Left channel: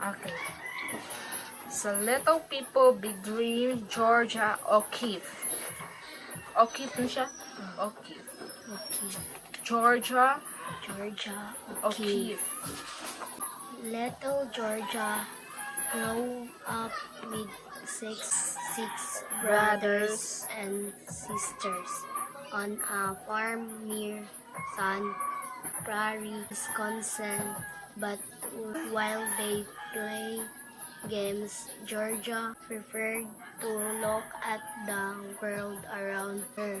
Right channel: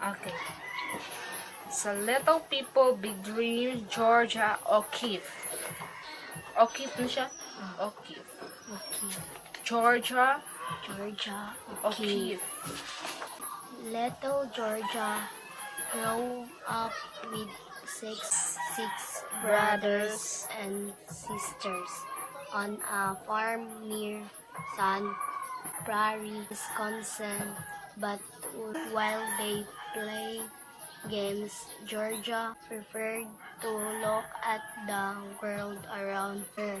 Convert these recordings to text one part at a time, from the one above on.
Okay. So, Little People, Big Dreams, Georgia O'Keeffe. O'Keeffe din siya? O'Keeffe. Georgia O'Keeffe. Little Georgia grew up with six brothers and sisters on a farm near Sun Prairie, Wisconsin. But while they played games, Georgia preferred to look at the world around her.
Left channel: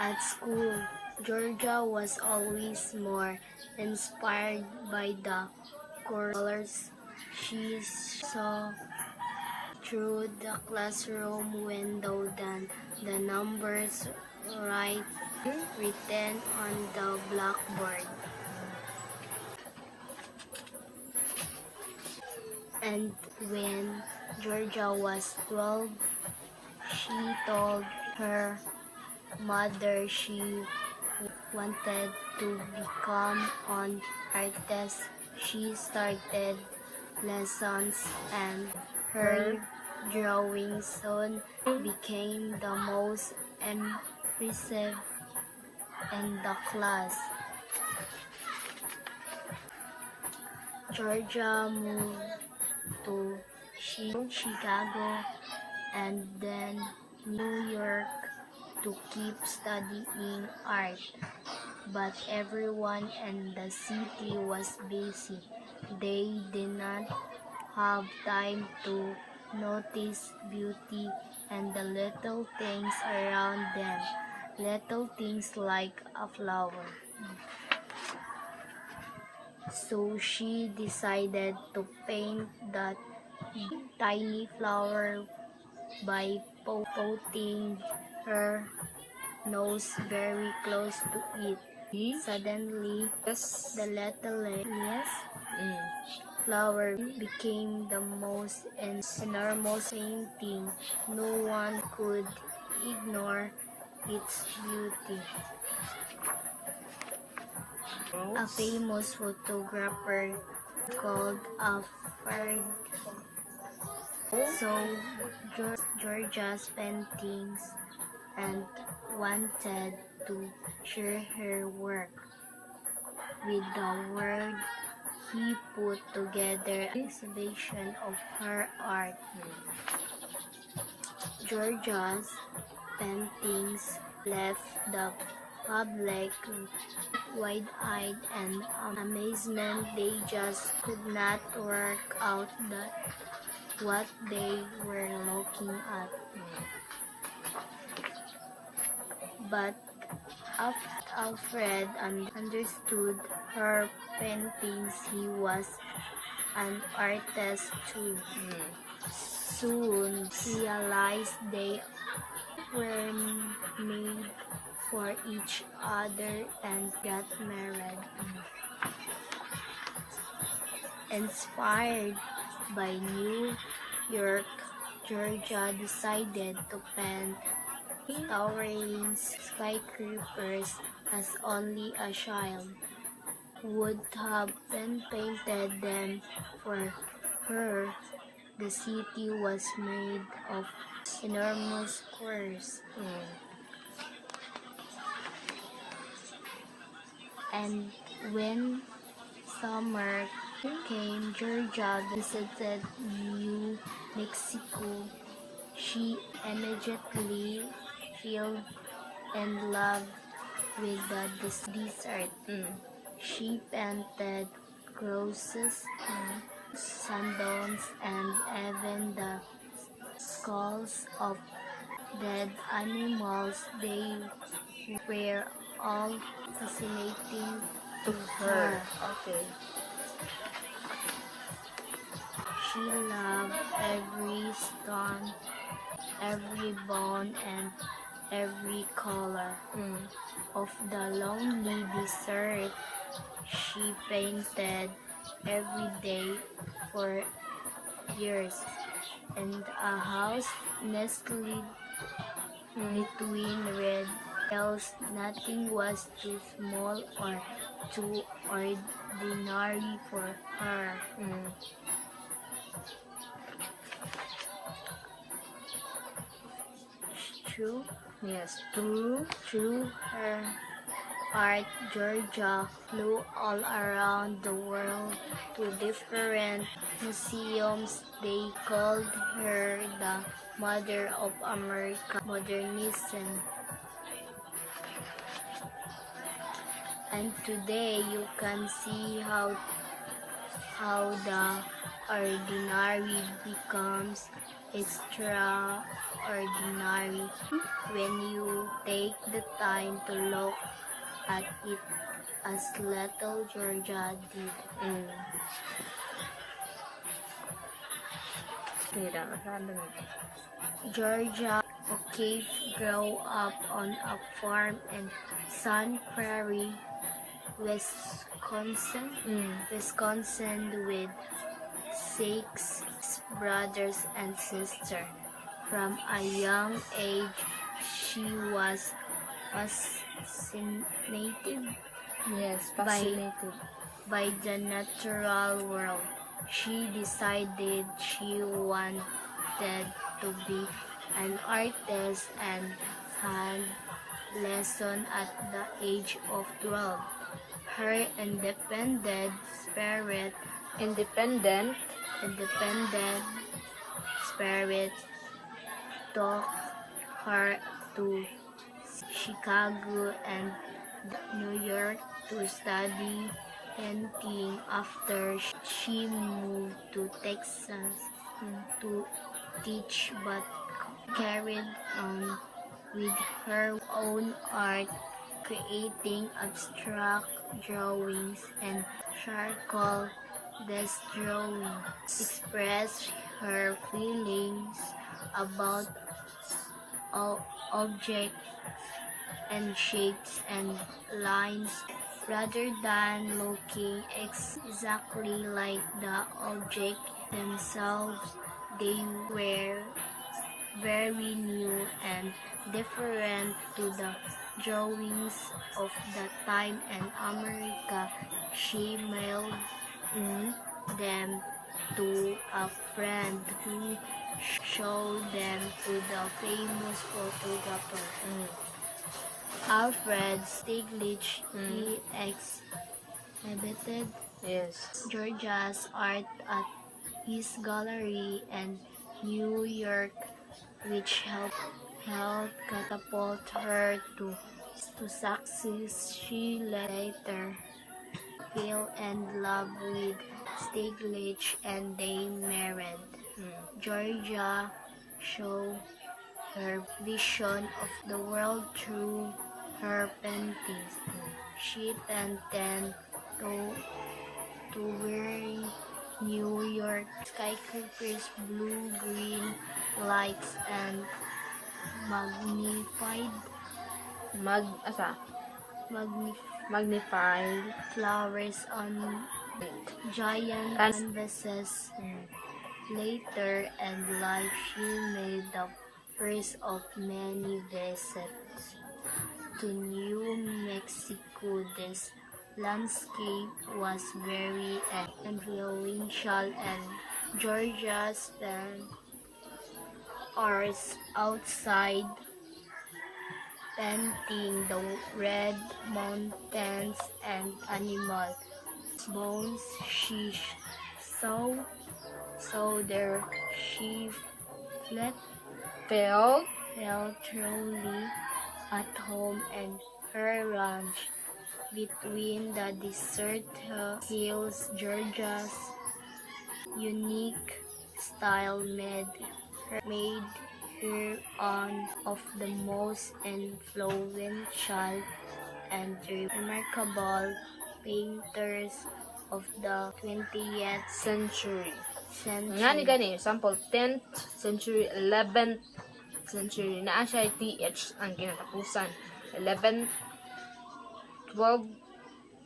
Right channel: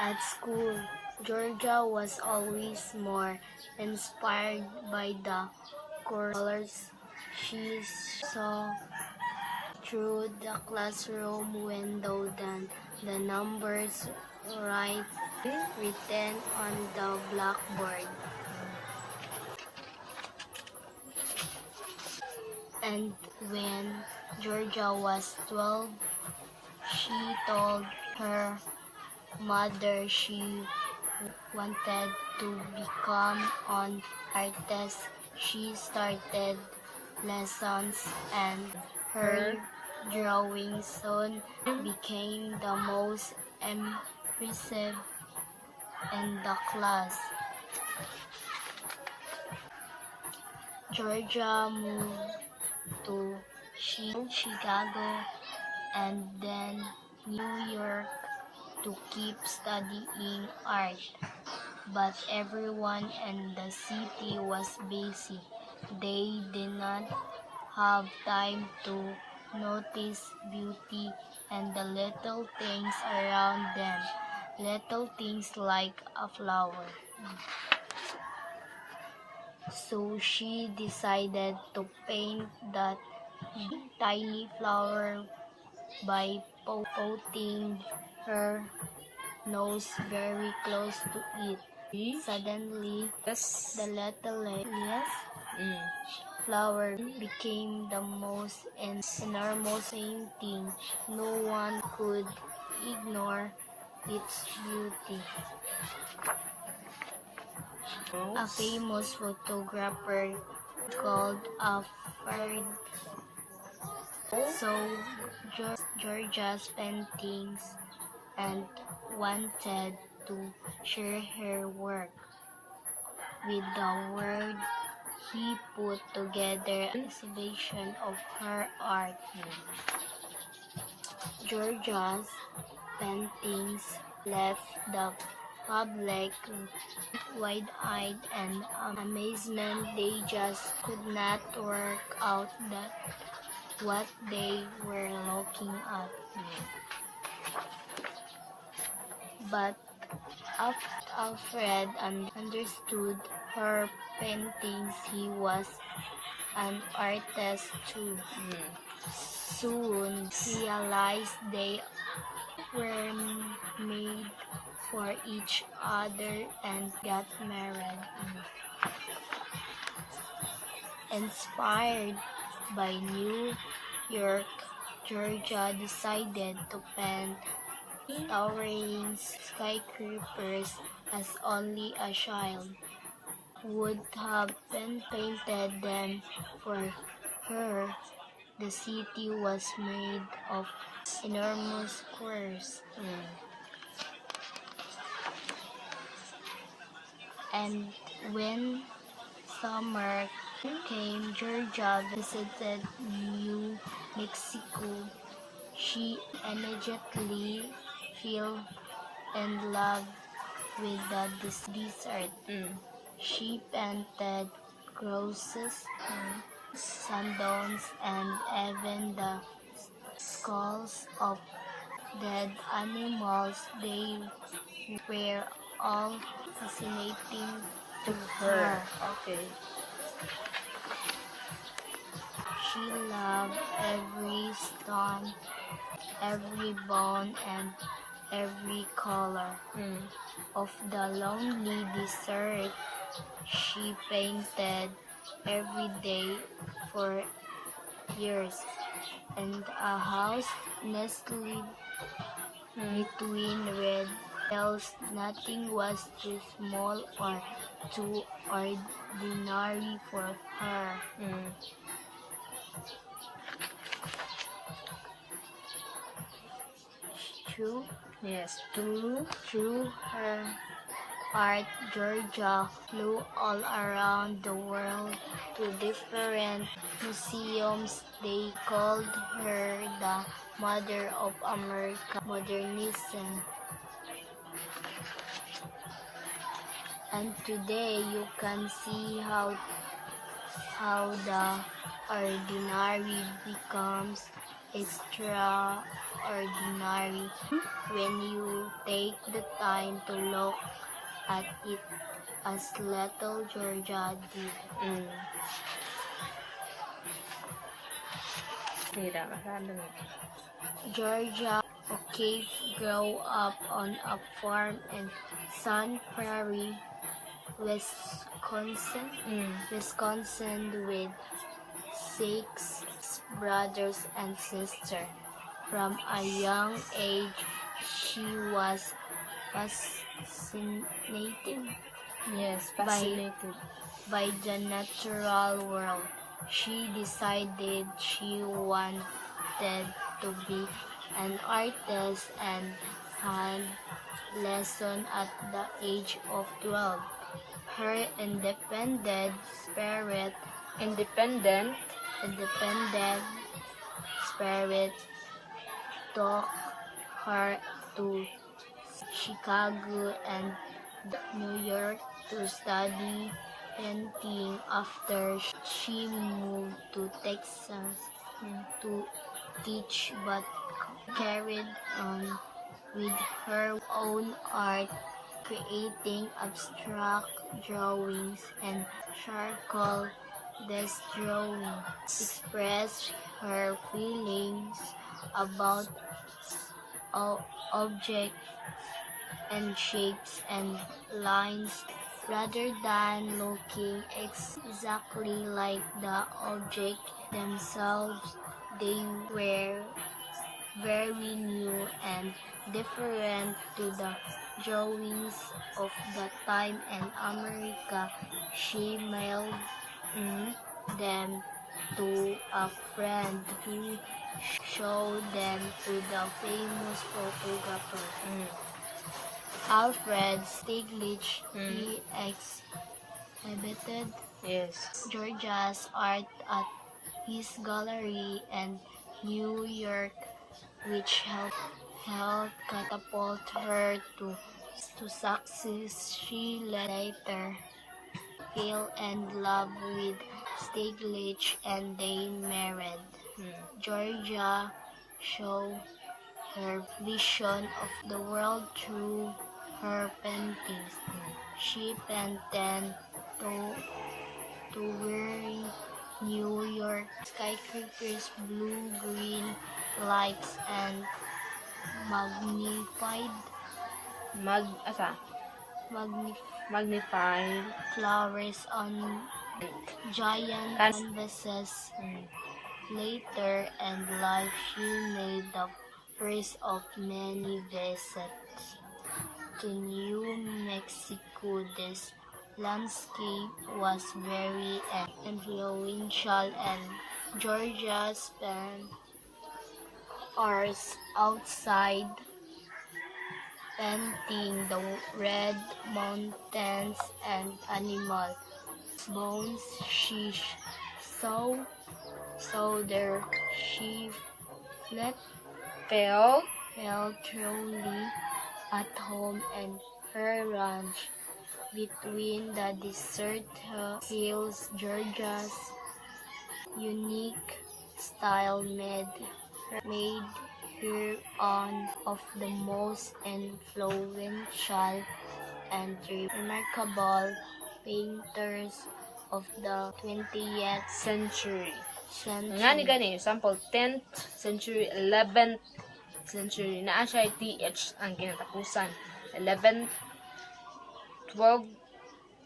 At school, Georgia was always more inspired by the colors she saw through the classroom window than the numbers written on the blackboard. And when Georgia was 12, she told her mother she wanted to become an artist. She started lessons and her drawing soon became the most impressive in the class. Georgia moved to Chicago and then New York to keep studying art, but everyone in the city was busy. They did not have time to notice beauty and the little things around them, little things like a flower. So she decided to paint that tiny flower by putting her nose very close to it. Suddenly, the little flower became the most enormous painting. No one could ignore its beauty. A famous photographer called Alfred saw Georgia's paintings and wanted to share her work. With the word, he put together an exhibition of her art. Georgia's paintings left the public wide-eyed and amazement. They just could not work out what they were looking at. But Alfred understood her paintings. He was an artist too. Soon realized they were made for each other and got married. Inspired by New York, Georgia decided to paint towering skyscrapers as only a child would have been painted them. For her, the city was made of enormous squares. And when summer came, Georgia visited New Mexico. She immediately fell in love with the desert. She painted crosses, sundogs, and even the skulls of dead animals. They were all fascinating to her. Okay. She loved every stone, every bone, and every color of the lonely desert. She painted every day for years, and a house nestled between red hills. Nothing was too small or too ordinary for her. True. Yes, true. Through her art, Georgia flew all around the world to different museums. They called her the mother of American modernism. And today you can see how the ordinary becomes extraordinary when you take the time to look at it as little Georgia did. Mira, masabi mo. Georgia O'Keeffe grew up on a farm in Sun Prairie, Wisconsin, with 6 brothers and sisters. From a young age, she was fascinated Yes, fascinated. by the natural world. She decided she wanted to be an artist and had lessons at the age of 12. Her independent spirit took her to Chicago and New York to study painting. After she moved to Texas to teach, but carried on with her own art, creating abstract drawings and charcoal. This drawing expressed her feelings about objects and shapes and lines rather than looking exactly like the object themselves. They were very new and different to the drawings of the time in America. She mailed them to a friend who showed them to the famous photographer Alfred Stieglitz. He exhibited Georgia's art at his gallery in New York, which helped catapult her to success. She later fell in love with Stieglitz and they married. Georgia showed her vision of the world through her paintings. She painted towering New York skyscrapers, blue-green lights, and magnified flowers on giant canvases. Later in life, she made the first of many visits to New Mexico. This landscape was very influential, and Georgia spent hours outside painting the red mountains and animal bones she saw there. She felt truly at home in her ranch between the desert hills. Georgia's unique style made her one of the most influential and remarkable painters of the 20th century. Nga ni gani, example, 10th century, 11th century, naa siya TH ang kinatapusan. 11th, 12,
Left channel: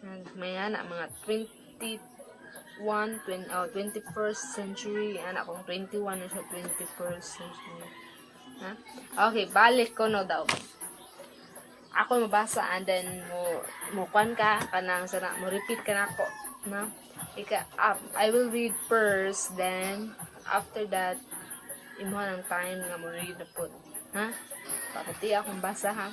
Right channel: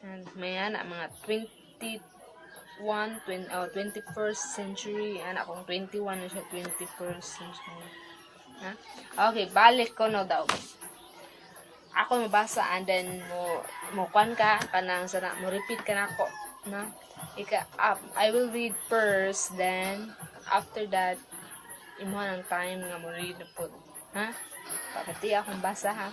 and may ana, mga 21st century, anak kong 21 na siya, 21st century. Ha? Okay, balik ko no daw. ako mabasa and then mo kwan ka kanang sana mo repeat ka nako na I will read first, then after that imo ng time nga mo read na po, ha, paputi akong basa, ha.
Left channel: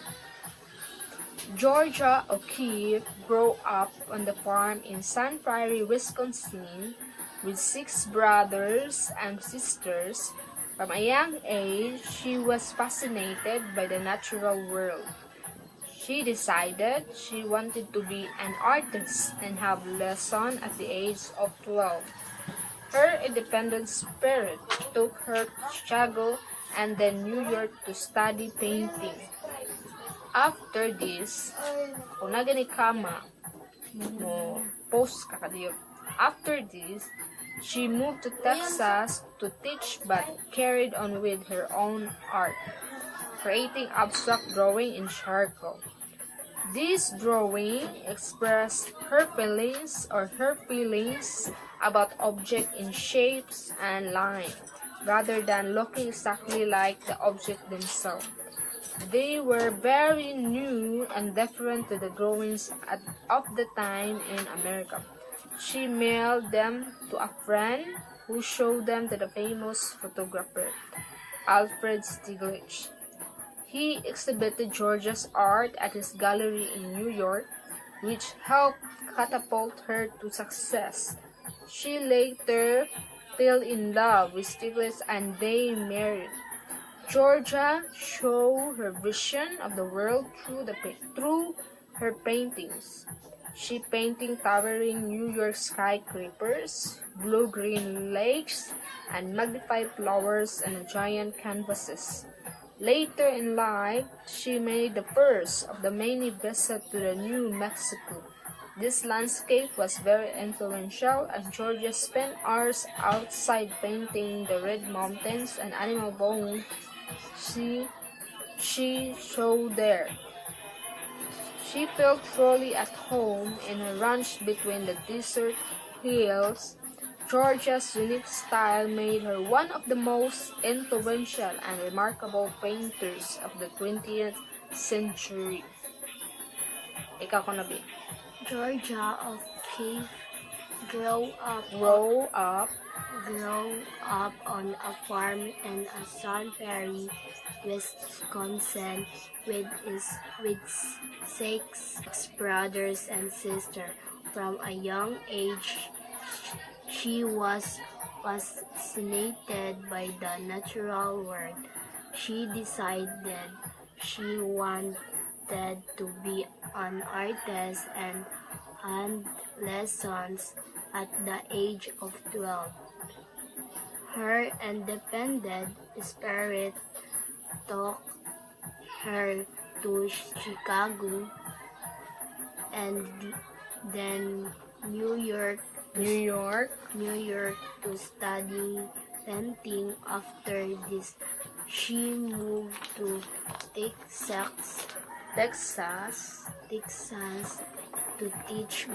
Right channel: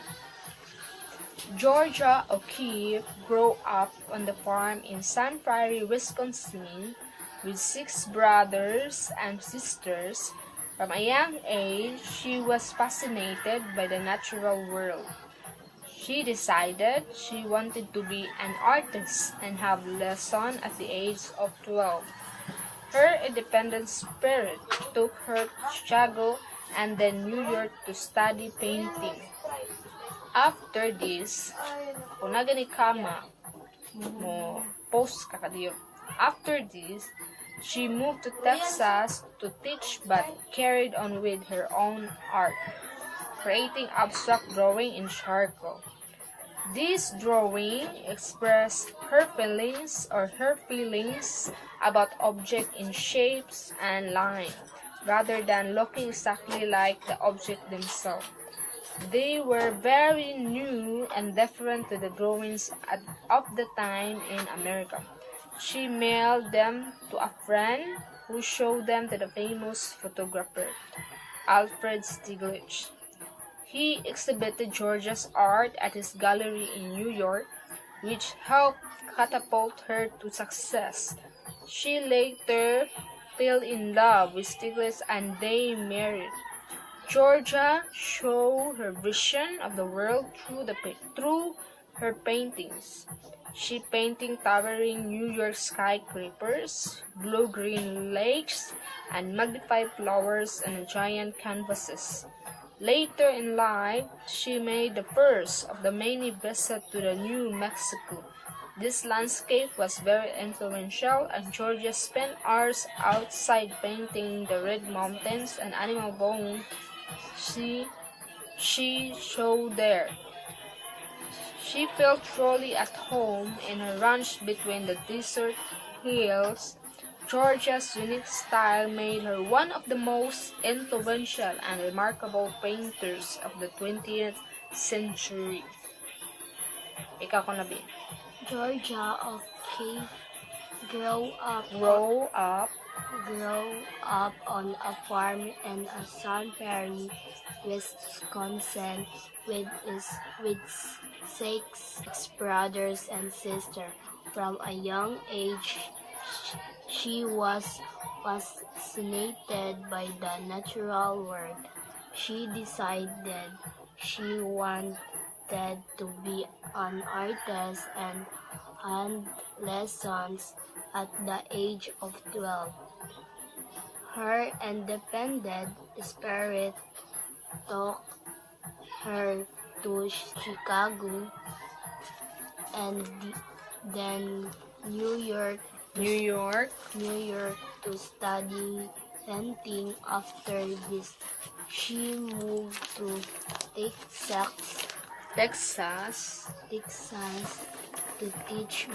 Georgia O'Keeffe grew up on the farm in Sun Prairie, Wisconsin, with 6 brothers and sisters. From a young age, she was fascinated by the natural world. She decided she wanted to be an artist and have lessons at the age of 12. Her independent spirit took her to Chicago and then New York to study painting. After this, kung nagani kama, mo post kakadiyog. After this, she moved to Texas to teach but carried on with her own art, creating abstract drawing in charcoal. This drawing expressed her feelings about objects in shapes and line, rather than looking exactly like the object themselves. They were very new and different to the drawings of the time in America. She mailed them to a friend who showed them to the famous photographer, Alfred Stieglitz. He exhibited Georgia's art at his gallery in New York, which helped catapult her to success. She later fell in love with Stieglitz and they married. Georgia showed her vision of the world through her paintings. She painted towering New York skyscrapers, blue-green lakes, and magnified flowers on giant canvases. Later in life, she made the first of the many visits to the New Mexico. This landscape was very influential, and Georgia spent hours outside painting the red mountains and animal bones she showed there. She felt truly at home in a ranch between the desert hills. Georgia's unique style made her one of the most influential and remarkable painters of the 20th century. Ikaw ko na, Bi. Georgia O'Keeffe grew up on a farm in Sun Prairie, Wisconsin, with 6 brothers and sisters. From a young age, she was fascinated by the natural world. She decided she wanted to be an artist and had lessons at the age of 12. Her independent spirit took her to Chicago and then New York to study painting. After this, she moved to Texas to teach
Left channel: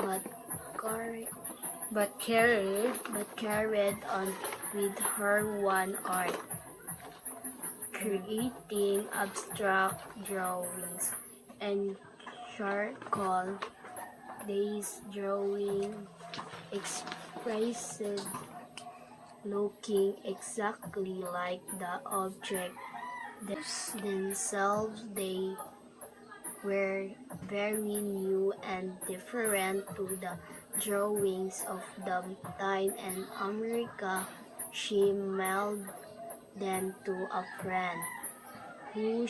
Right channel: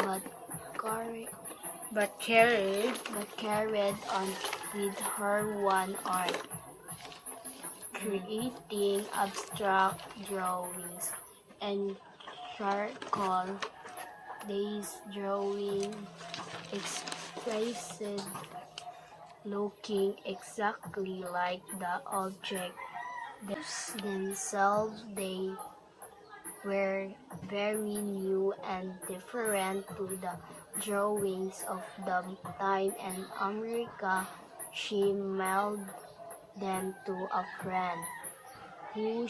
but carried on with her one art, creating abstract drawings and charcoal. These drawing expressed looking exactly like the object themselves. They were very new and different to the drawings of the time in America. She mailed them to a friend who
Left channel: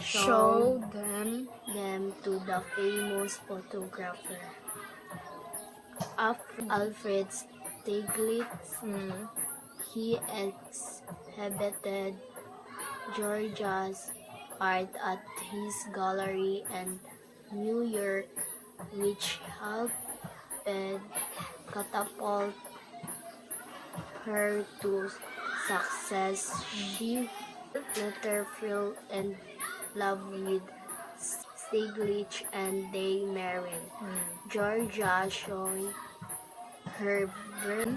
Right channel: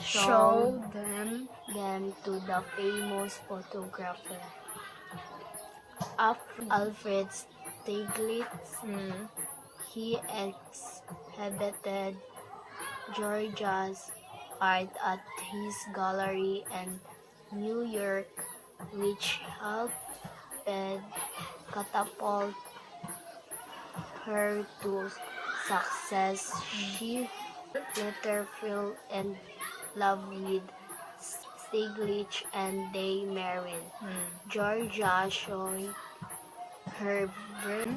showed them to the famous photographer Alfred Stieglitz. He exhibited Georgia's art at his gallery in New York, which helped catapult her to success. She later fell in love with Stieglitz and they married. Georgia showed her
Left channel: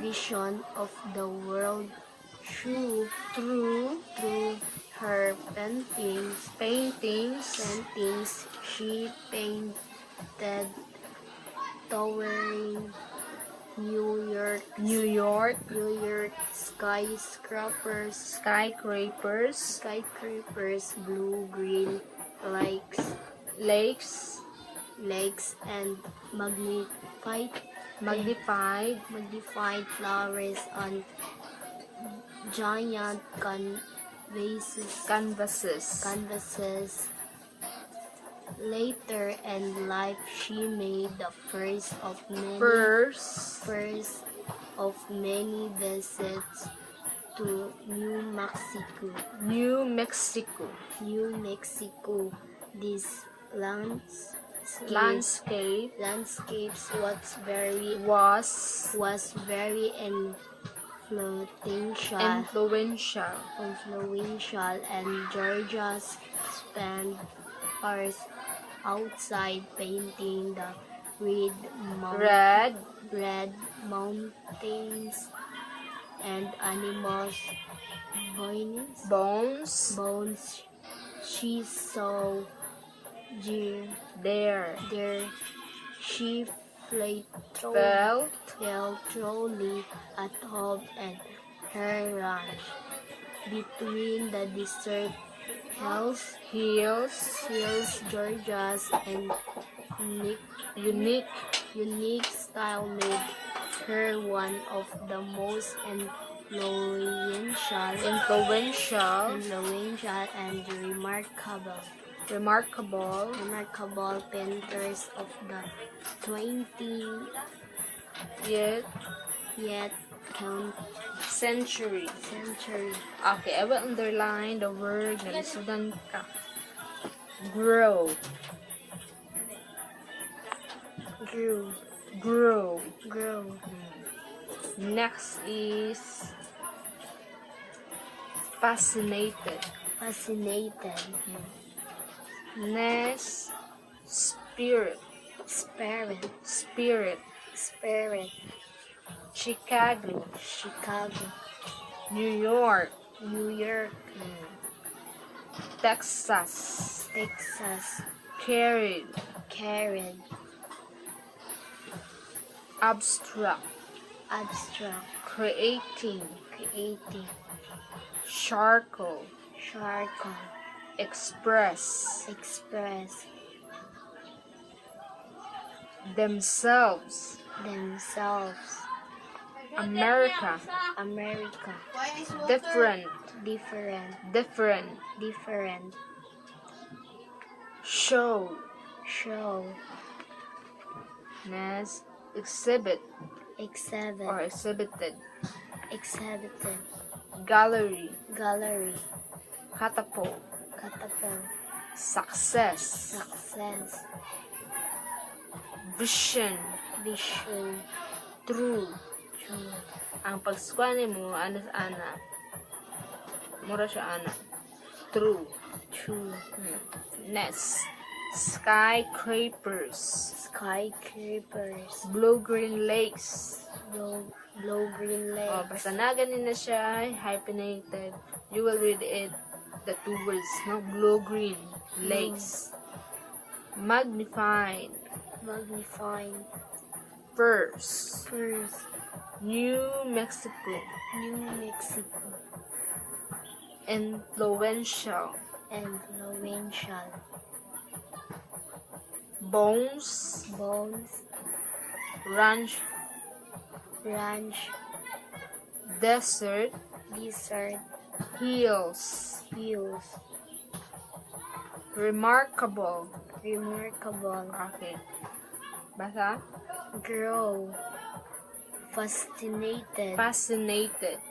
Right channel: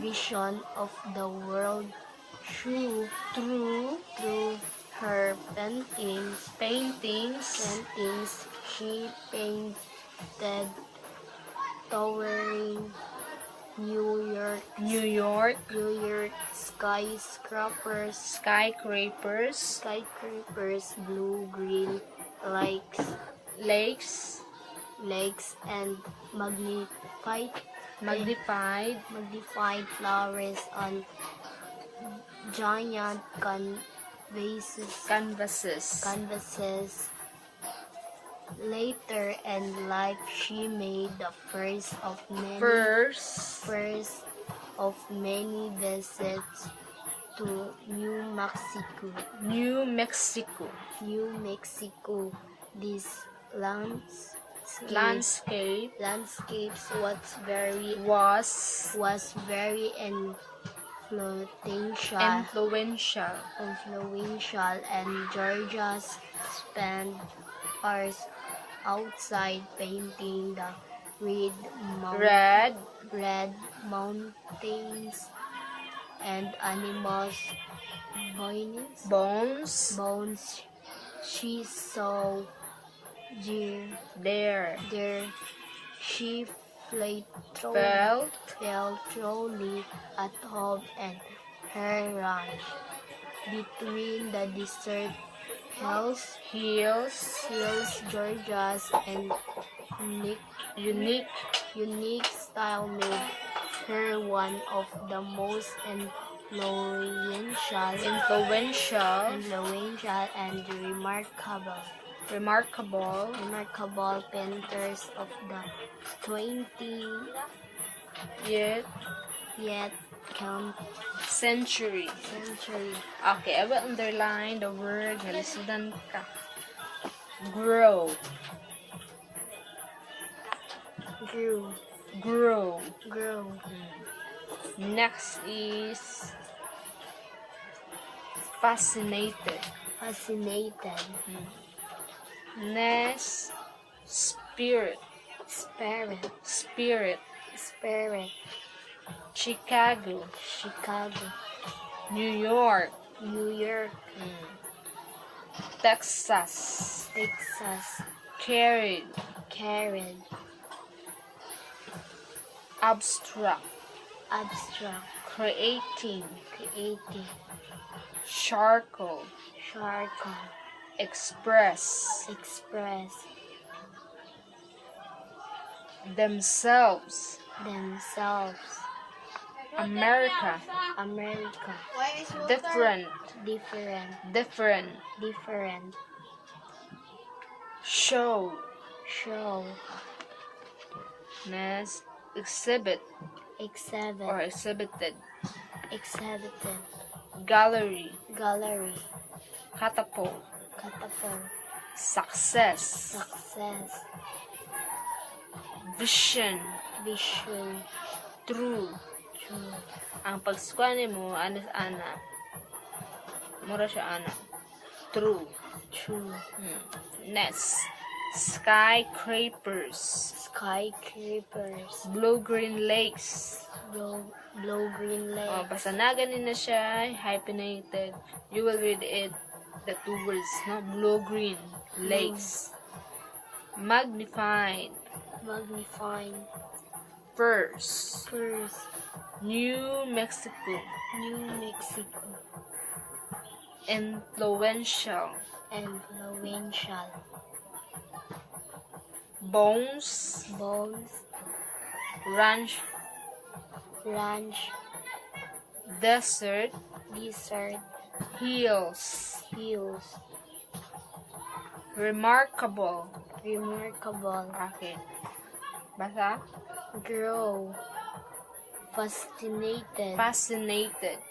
vision of the world through her paintings. She painted towering New York skyscrapers, blue, green lakes, and magnified flowers on giant canvases. Later in life, she made the first of many visits to New Mexico. These landscapes was very influential, and Georgia spent hours outside painting the red mountains and animals' bones she saw there. She felt truly at home in her ranch between the desert hills, Georgia's and unique style made her one of the most influential and remarkable painters of the 20th century. Okay, I will underline the word nga lisudan ka. Grow. Next is fascinated. Next, spirit. Chicago. New York. Texas. Carried. Abstract. Creating. Charcoal. Express. Themselves. America. Different. Show. Next, exhibit or exhibited. Gallery. Catapult. Success. Vision. True. Ang pagsukwani mo, ana. Mura siya ana. True. Next. Skyscrapers. Blue-green lakes. Basta na ganin na siya, hyphenated. You will read it, the two words, no? Blue-green lakes. Magnified. First. New Mexico. Influential. Bones. Ranch. Desert. Hills. Remarkable. Okay. Basa? Grow. Fascinated.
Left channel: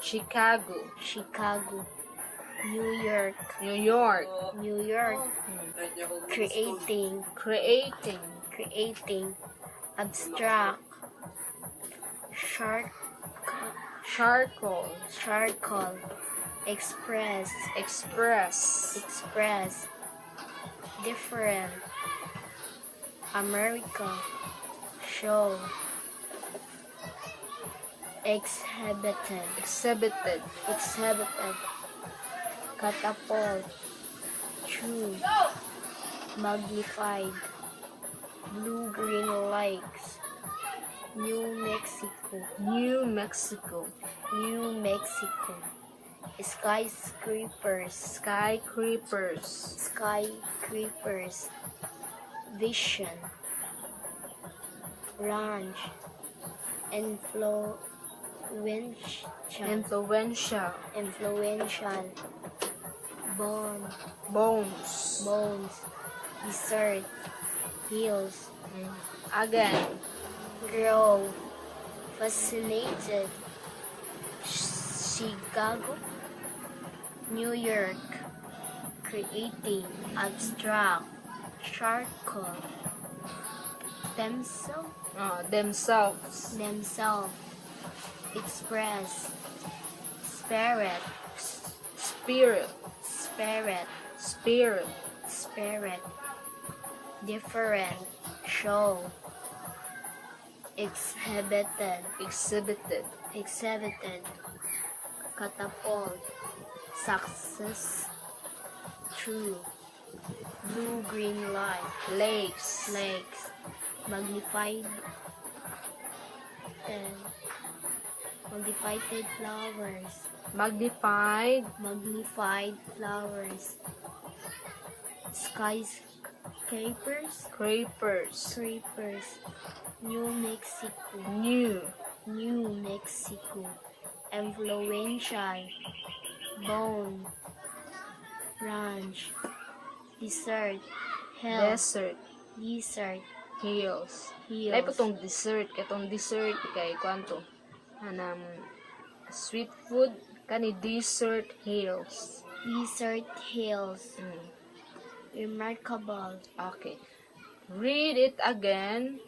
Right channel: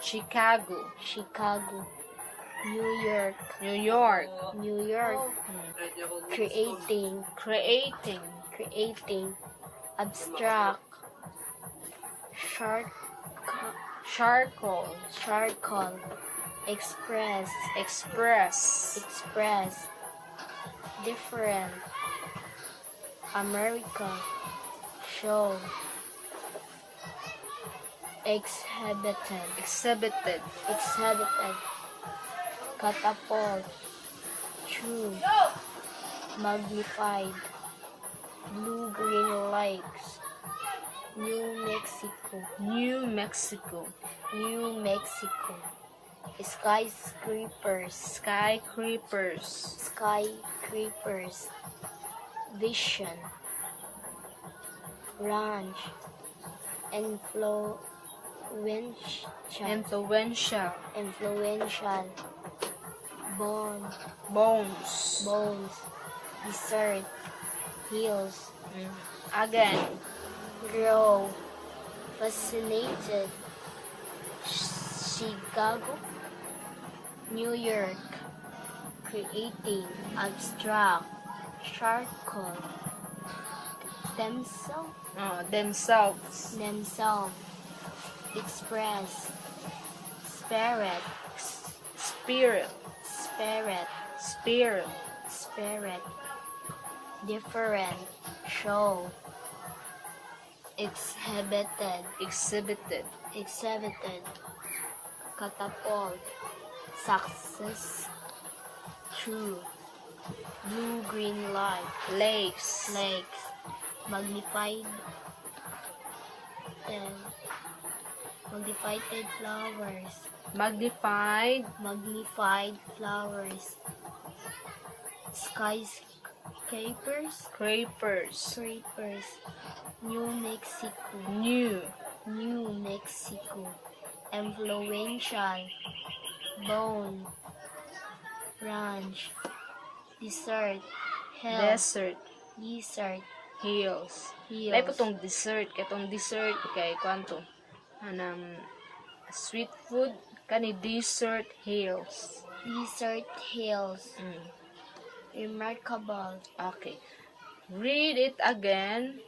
Chicago. New York. Creating. Abstract. Charcoal. Express. Different. America. Show. Exhibited. catapult, true, magnified, blue-green lakes, New Mexico, New Mexico. New Mexico, skyscrapers, Skyscrapers. skyscrapers, vision, ranch, influential, Influential. influential, bone, Bones. bones, desert, hills, Again. grow, fascinated, Chicago, New York, creating, abstract, charcoal, themselves, Themselves. themselves, express, spirit, Spirit. spirit, Spirit. spirit, different, show, exhibited, Exhibited. exhibited, catapult, success, true, blue-green light, Lakes. lakes, magnified, magnified flowers, Magnified. magnified flowers, skyscrapers, Scrapers. scrapers, New Mexico, New. New Mexico, influential, bone, ranch, desert, hill, Desert. desert, Hills. hills, Ay po tong dessert. Katong dessert kay kwanto. Anang sweet food kani desert hills. desert hills, remarkable, Okay. Read it again.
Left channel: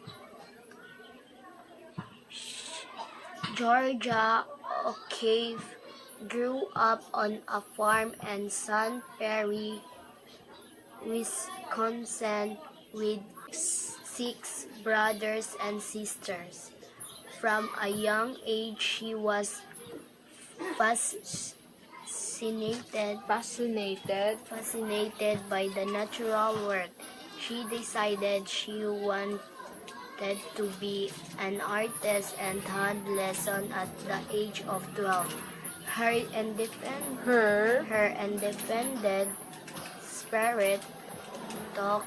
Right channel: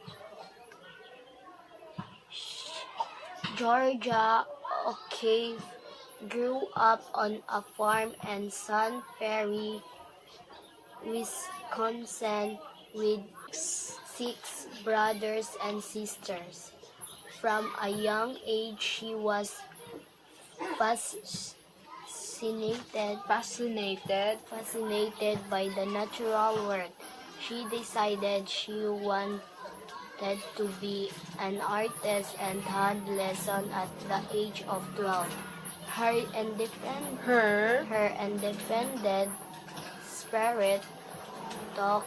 Georgia O'Keeffe grew up on a farm in Sun Prairie, Wisconsin, with 6 brothers and sisters. From a young age, she was fascinated by the natural world. She decided she wanted to be an artist and had lesson at the age of 12. Her independent spirit took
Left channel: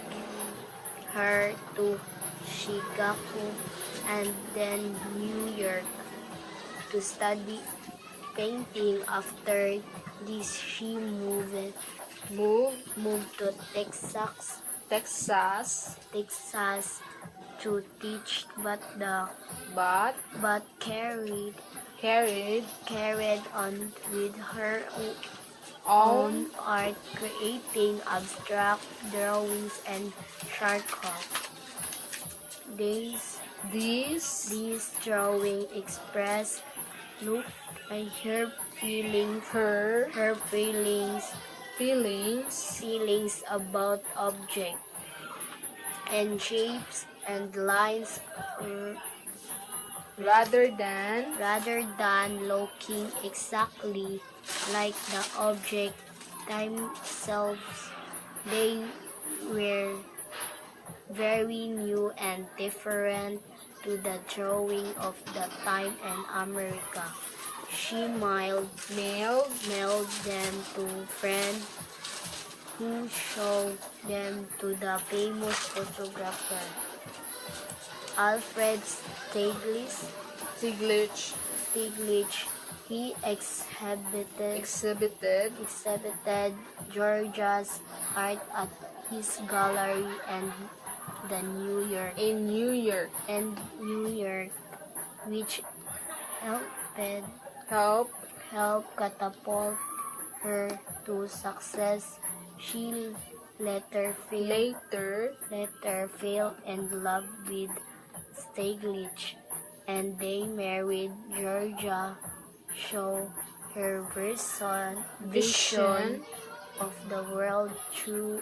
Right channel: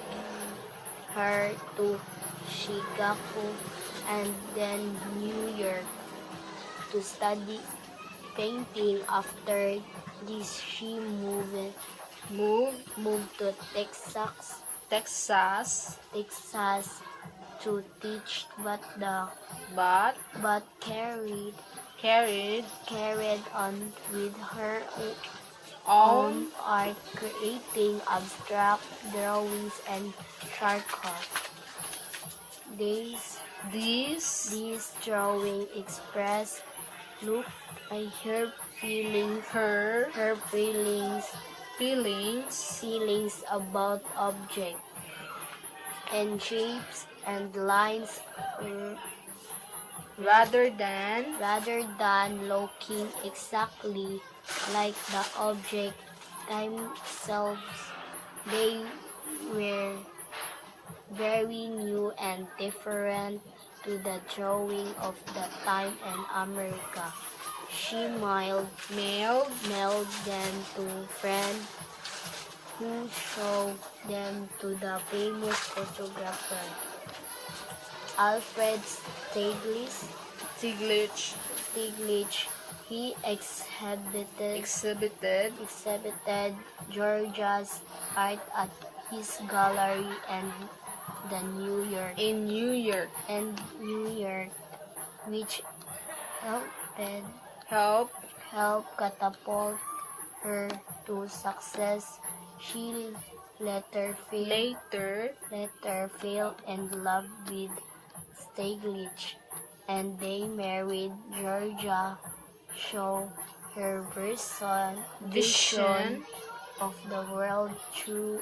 her to Chicago and then New York to study painting. After this, she moved to Texas to teach, but carried on with her own art, creating abstract drawings and charcoal. These drawings express look by her feelings about object and shapes and lines, Rather than looking exactly like the object themselves. They were very new and different to the drawing of the time in America. She mailed them to friends who showed them to the famous photographer Alfred Stiglitz Stieglitz. He exhibited Georgia's art at his gallery in New York, which helped catapult her to success. She later fell in love with Stieglitz, and they married. Georgia showed her vision of the world through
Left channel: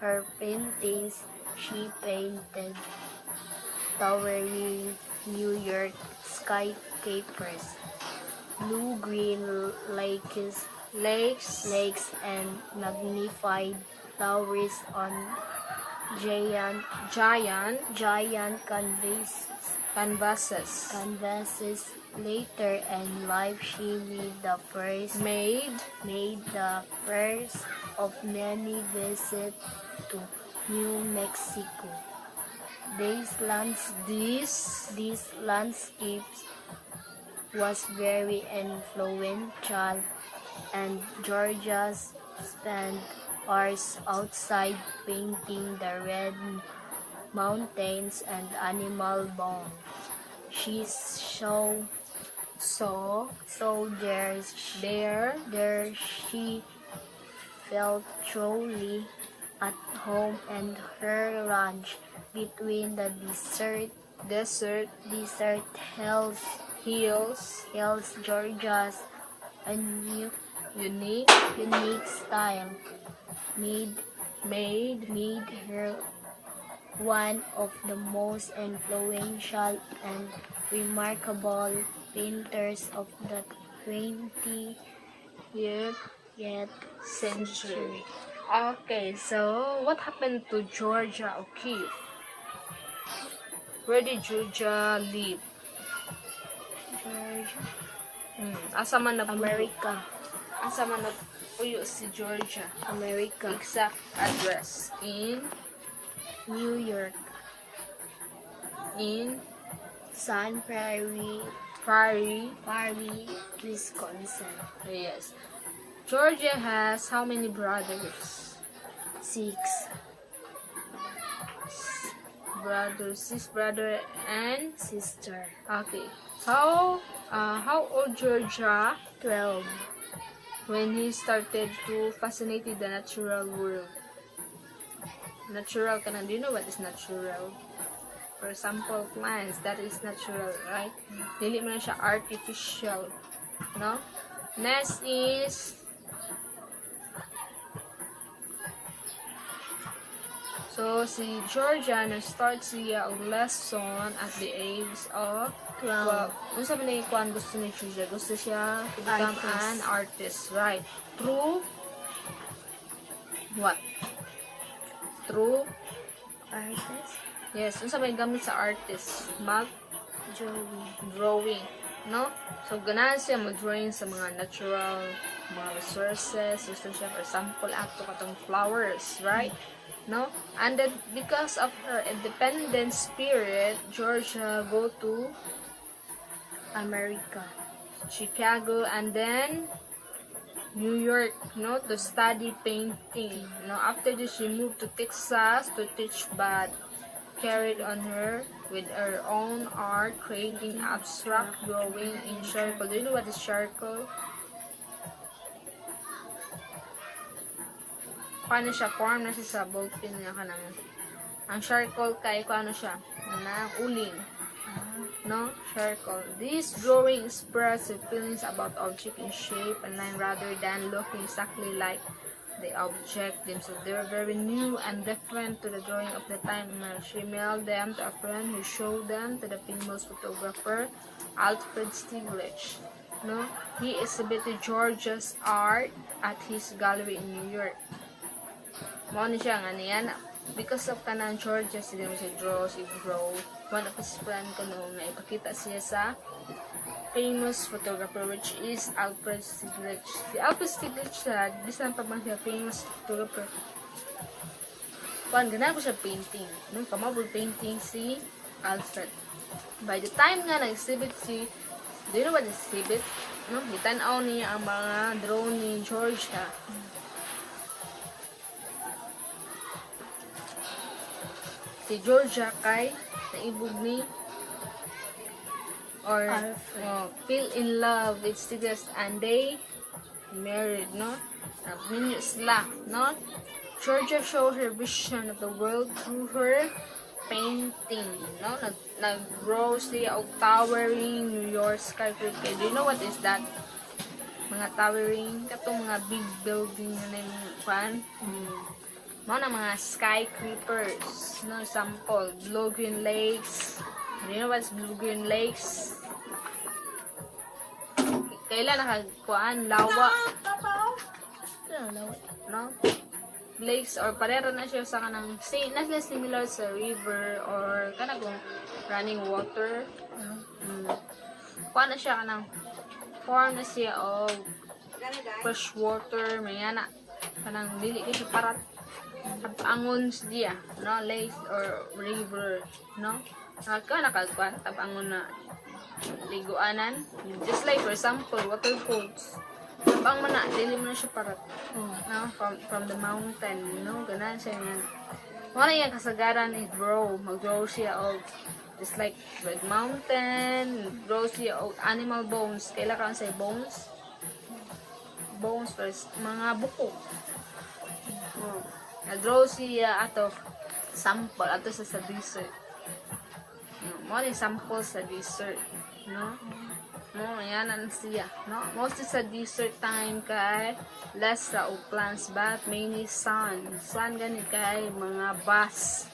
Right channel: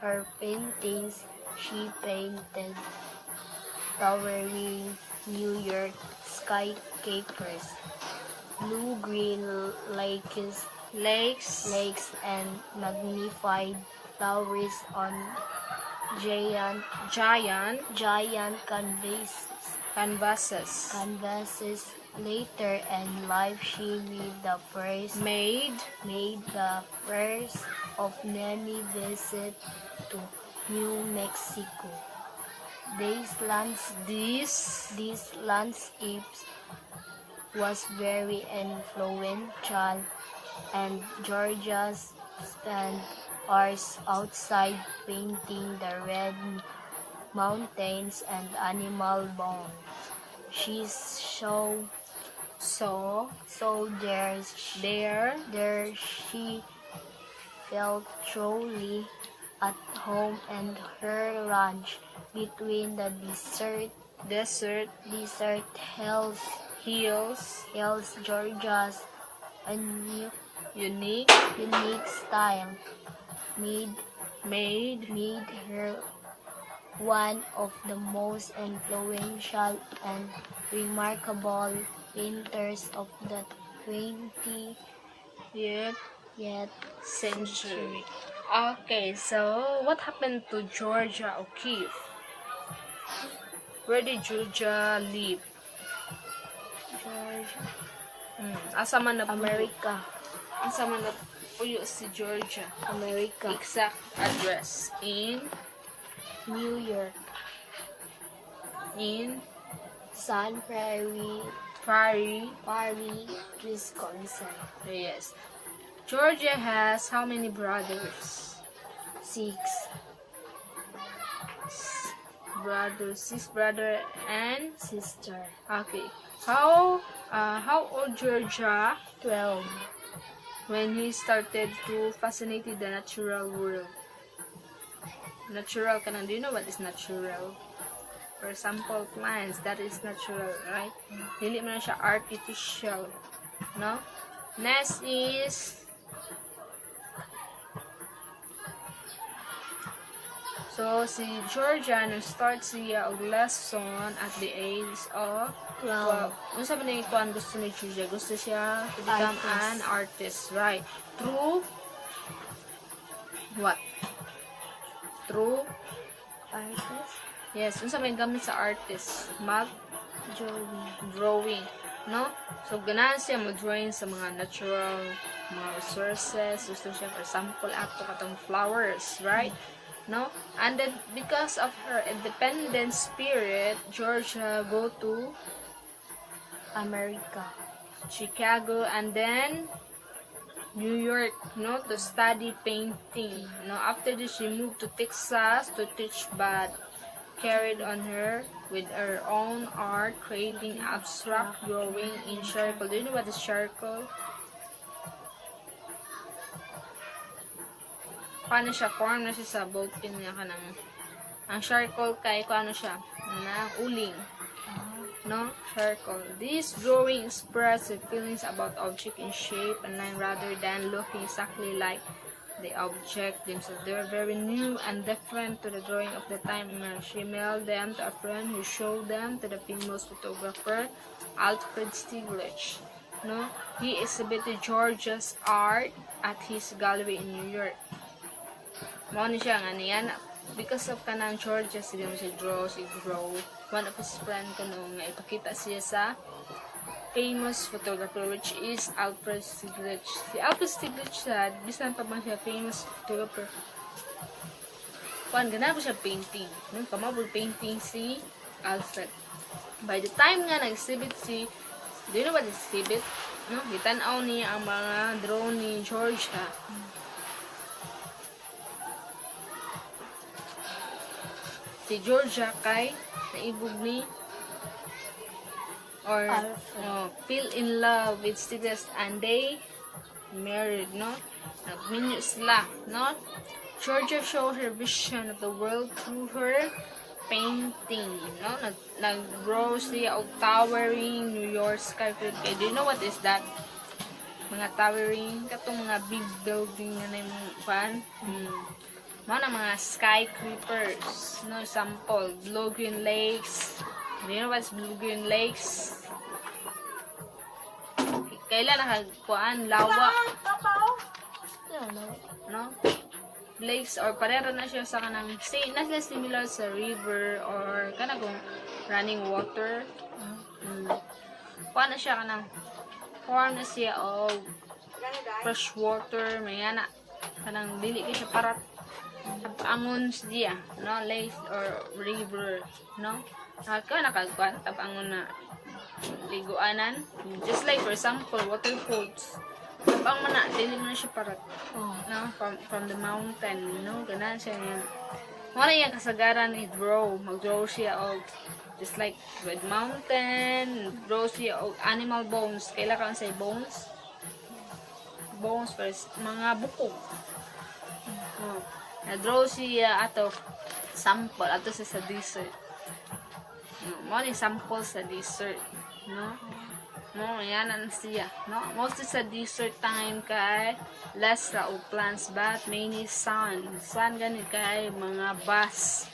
her paintings. She painted towering New York skyscrapers, blue-green lakes, lakes, and magnified flowers on giant giant canvases. Later in life, she Made made the first of many visits to New Mexico. These landscapes was very influential, and Georgia spent hours outside painting the red mountains and animal bones. She so there she felt truly at home in her ranch between the desert hills, Georgia's unique unique style made her one of the most influential and remarkable painters of the 20th century. Okay, so what happened to Georgia O'Keeffe? Where did Georgia live? Asa man America. Asa man nagpuyo si Georgia? America. Exact address in New York. in Sun Prairie, Wisconsin. Yes. Georgia has how many brothers? 6. Six brother and Sister. okay. How old Georgia 12. when he started to fascinate with the natural world? Natural do you know what is natural? For example, plants, that is natural, right? Dili man siya artificial, no? Next is so si Georgia start siya og lesson at the age of 12. Ano sabi na yung kuan gusto ni Georgia? Gusto siya to become an artist, right? Through what? Through Artist. yes, unsa may gamit sa artist? Drawing, no? So ganahan siya mo-drawing sa mga natural mga resources. Gusto siya, for example, ato katong flowers, right? No? And then because of her independent spirit, Georgia go to America. Chicago and then New York, no, to study painting. No, after this she moved to Texas to teach, but carried on her with her own art, creating abstract drawing in charcoal. Do you know what is charcoal? Paano siya? Form na siya sa ballpen nga ka ng ang charcoal kay paano siya? Uling. No? Charcoal. This drawing expresses feelings about object in shape and line rather than looking exactly like the object themselves. They were very new and different to the drawing of the time. She mailed them to a friend who showed them to the famous photographer Alfred Stieglitz. No? He exhibited George's art at his gallery in New York. Mo ni siya nga niyan because of kanan George siya draw. One of his friend kuno nga ipakita siya sa famous photographer which is Alfred Stieglitz. Si Alfred Stieglitz siya, bisan pa man siya famous photographer. Gana ko siya painting. Pamabul painting si Alfred. By the time nga nag-exhibit do you know what exhibit? No? Itanaw niya ang mga drone ni George ha. Si Georgia kay naibog ni or fell in love with Stieglitz and they married, no? Nagminyo sila, no? Georgia showed her vision of the world through her painting, no? Nag-grow siya og towering New York skyscraper. Do you know what is that? Mga towering, katong mga big building na yung fan. Mga mga skyscrapers, no? Example, blue-green lakes. Do you know what's blue-green lakes? Kailan nakagpuan? Lawa. no? Lakes or parera na siya sa kanang similar sa river or kanang running water. Kuha na siya kanang form na siya o fresh water, mayana kanang dili kay siya para tabangon siya, no? Lake or river, no? Ka nakagkuan tabangon na liguanan, just like for example waterfalls. Tabang man na dili mo na siya para no? From the mountain, no? Ganan siya yan. Wala yung kasagaran i mag-draw siya og just like red mountain, draw siya og animal bones. Kailangan say bones first, mga buko. Na-draw siya ato sample ato sa desert. Wala yung sample sa desert, no? Ayan na siya, no? Mostly sa desert time kay less ra og plants but mainly sun gani kay mga bus,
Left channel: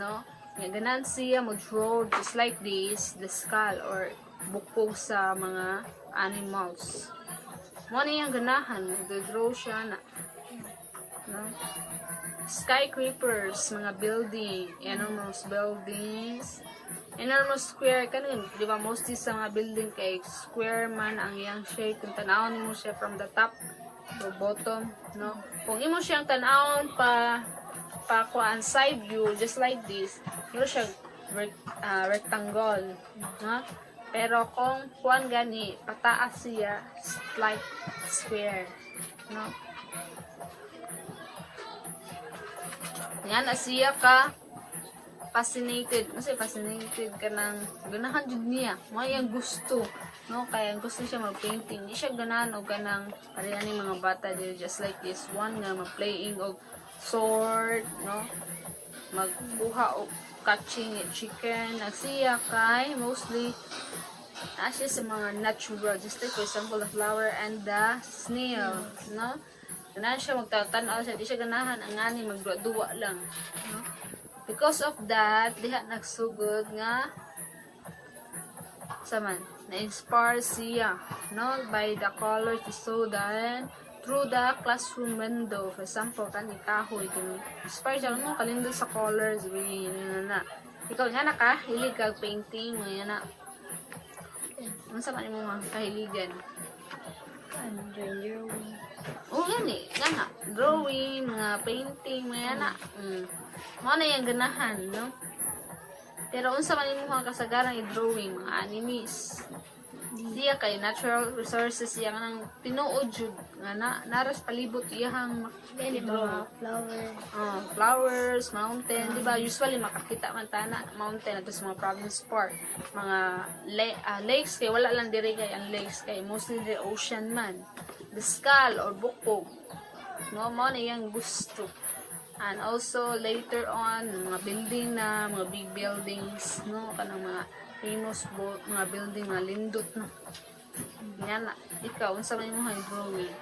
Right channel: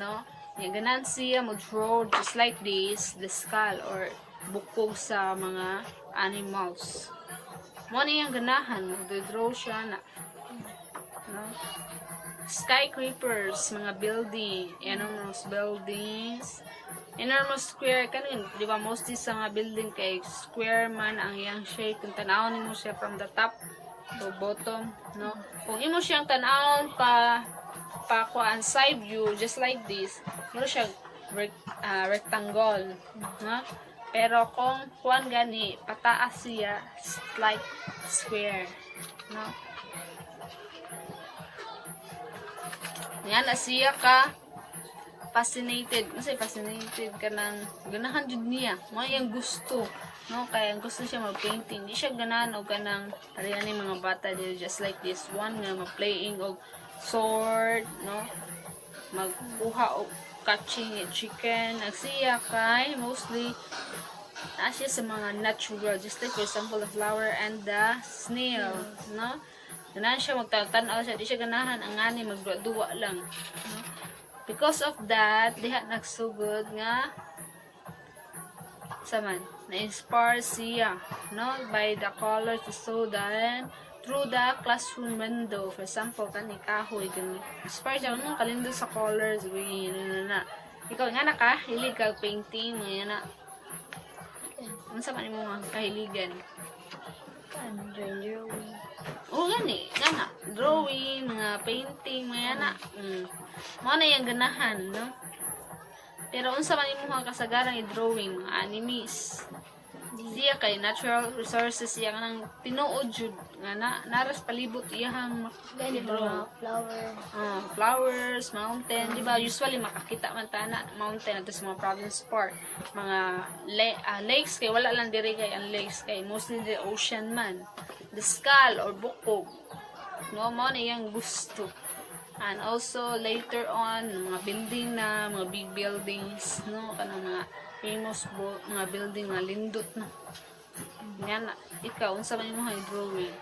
no? Ganan siya mag-draw just like this, the skull or bukog sa mga animals. Mo na yung ganahan, nag-draw siya na, no? Skyscrapers, mga building, enormous buildings, enormous square kanin, di ba mostly sa mga building kay square man ang iyang shape, kung tanawon mo siya from the top to bottom, no? Kung imo siyang tanawon pa kuan side view just like this, pero siya rectangle, no? Pero kung kuan gani pataas siya like square, no? Yan na siya ka fascinated. Kasi fascinated ka ng ganahan jud niya. Mga yung gusto, no? Kaya gusto siya mag-painting. Di siya ganahan o ganang ariyan ni mga bata dito just like this one nga mag-playing og sword, no? Magbuha o catching chicken. Nagsiya kay mostly siya sa mga natural, just like for example the flower and the snail, no? Ganahan siya magtatanaw siya, di siya ganahan ang ani magduwa lang, no? Because of that, diha nagsugod nga saman na-inspire siya, no? By the colors he saw then through the classroom window. For example, kani kahoy gani. Inspire siya no kalindog sa colors na. Ikaw nga naka hilig kag painting mga na. Unsa man imo mga kahiligan? Drawing. Oo gani, nga drawing, mga painting, mga na. Mo na yung ganahan, no? Pero unsa man imo mga kasagaran i-drawing, mga animes. Siya kay natural resources siya nang tinuod jud nga naras palibot iyang Mga flower. Flowers, mountain, di ba? Usually makakita man tana mountain at sa mga province park, mga lakes kay wala lang diri kay ang lakes kay mostly the ocean man. The skull or bukog. Mo na iyang gusto. And also later on mga building na, mga big buildings, no, kanang mga famous mga building na lindot na. Yan na. Ikaw, unsa man imong drawing?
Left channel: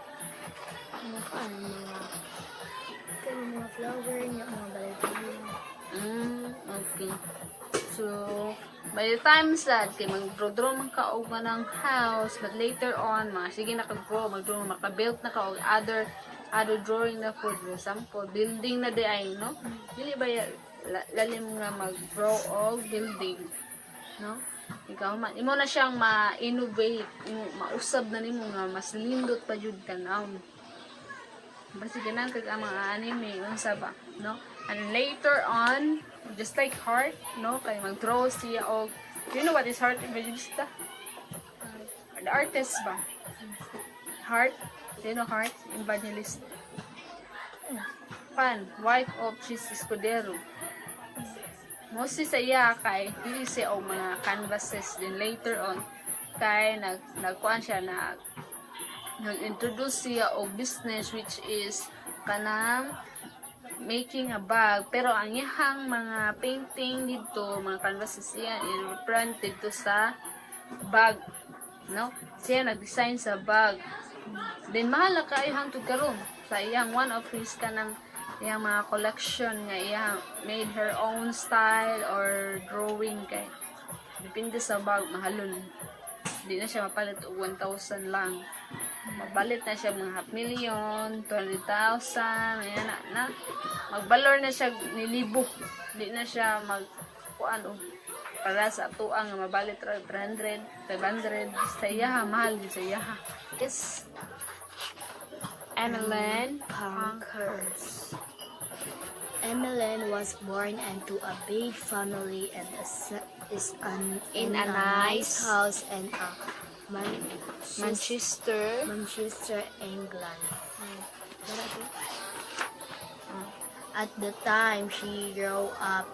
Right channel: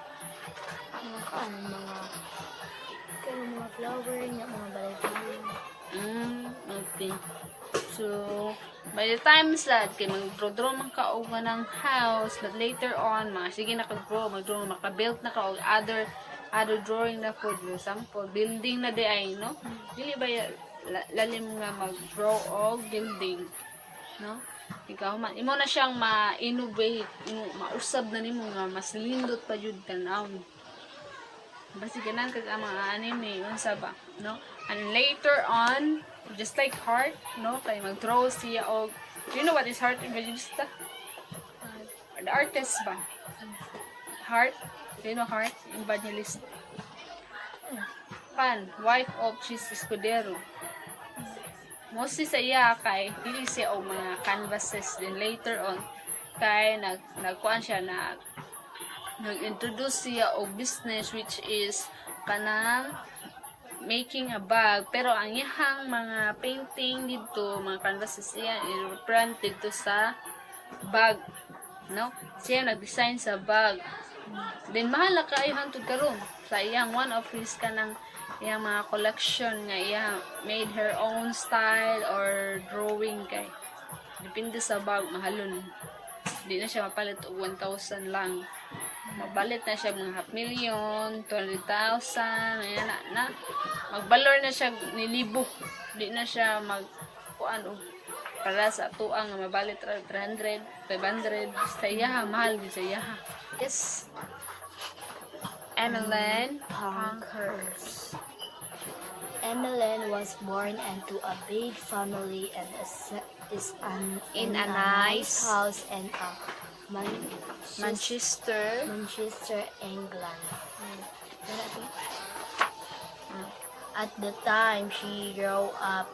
Mga flower niya, mga balay. Okay. So, by the time sad, kay mag-draw man ka og ng house, but later on, sige naka-draw, mag-draw, maka-build na ka og other drawing na for example, building na di ay, no? Dili ba lalim nga mag-draw og building, no? Ikaw man, imo na siyang ma-innovate, mausab na nimo nga mas lindot pa jud tanaw. Basta ganan kag mga anime unsa ba, no? And later on, just like heart, no? Kay mag-draw siya og you know what is heart evangelista? The artist ba? Heart? Do you know heart evangelist? Pan, wife of Jesus Escudero. Mostly sa iya kay pili siya og mga canvases and later on kay nagkuan siya nag-introduce siya og business which is kanang making a bag, pero ang iyang mga painting dito, mga canvases siya i-print dito sa bag, no? Siya nag-design sa bag. Then mahal na kayo hangtod karon sa iyang one of his kanang iyang mga collection nga iya made her own style or drawing kay depende sa bag mahalon. Di na siya mapalit og 1,000 lang. Mabalit na siya mga half million, 20,000, ayan na. Magbalor na siya nilibo. Di na siya kuan og para sa tuang nga mabalit ra 300, 500. Sa iyaha, mahal din sa iyaha. Yes. Emmeline Pankers. Emmeline was born into a big family and in In a a nice nice house in Manchester. Manchester, England. At the time she grew up,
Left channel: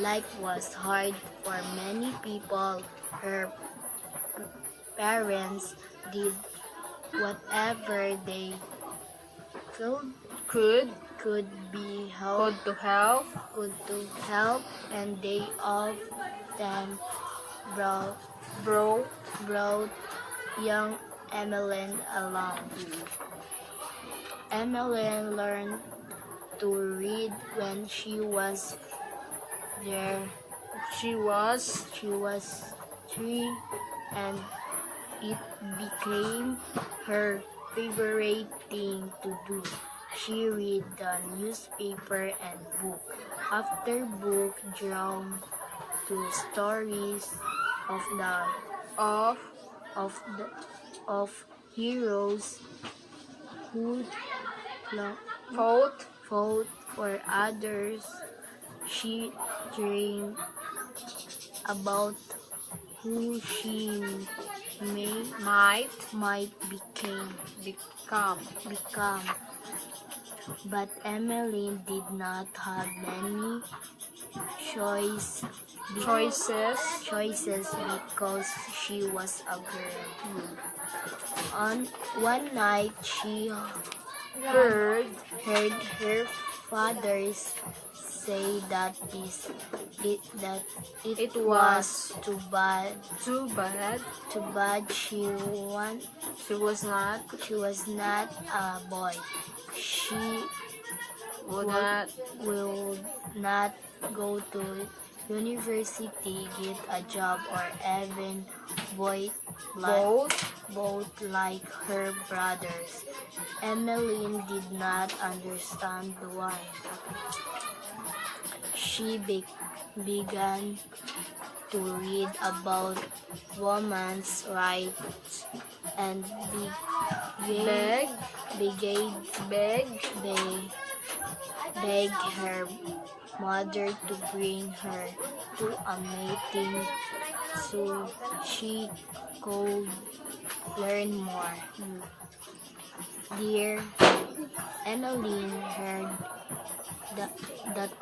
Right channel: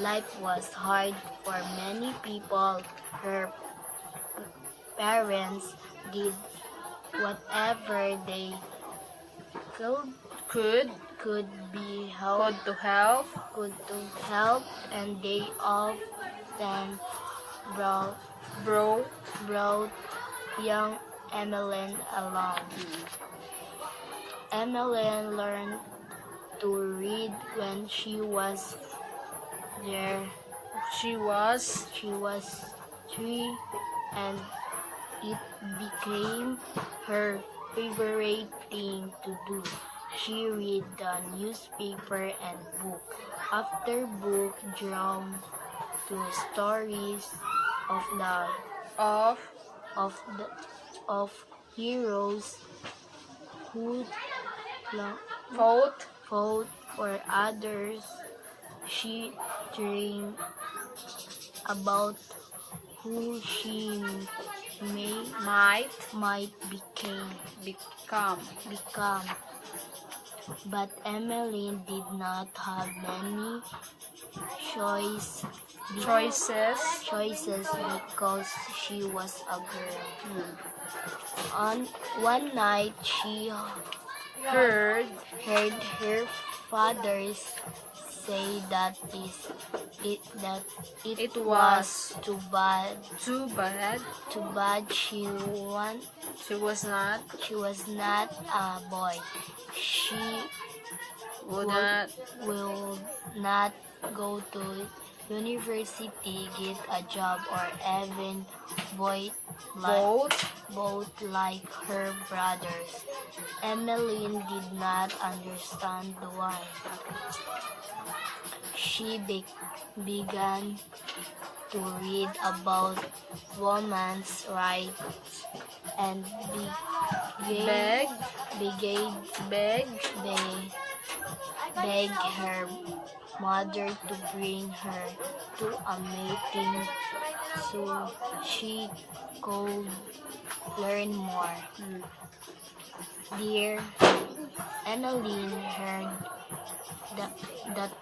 life was hard for many people. Her parents did whatever they Could be to help. good to help, and they often Bro. brought young Emmeline along. Emmeline learned to read when she was there. She was 3, and it became her favorite thing to do. She read the newspaper and book after book, drawn to stories of of of heroes who fought fought for others. She dreamed about who she might might become. become. But Emmeline did not have many choices because she was a girl. On one night, she Heard heard her father say that it It was was too bad too bad she she was not a boy. She would not will not go to university, get a job, or even vote both like her brothers. Emmeline did not understand why. She began to read about women's rights and beg beg her mother to bring her to a meeting so she could learn more. Dear Emmeline heard that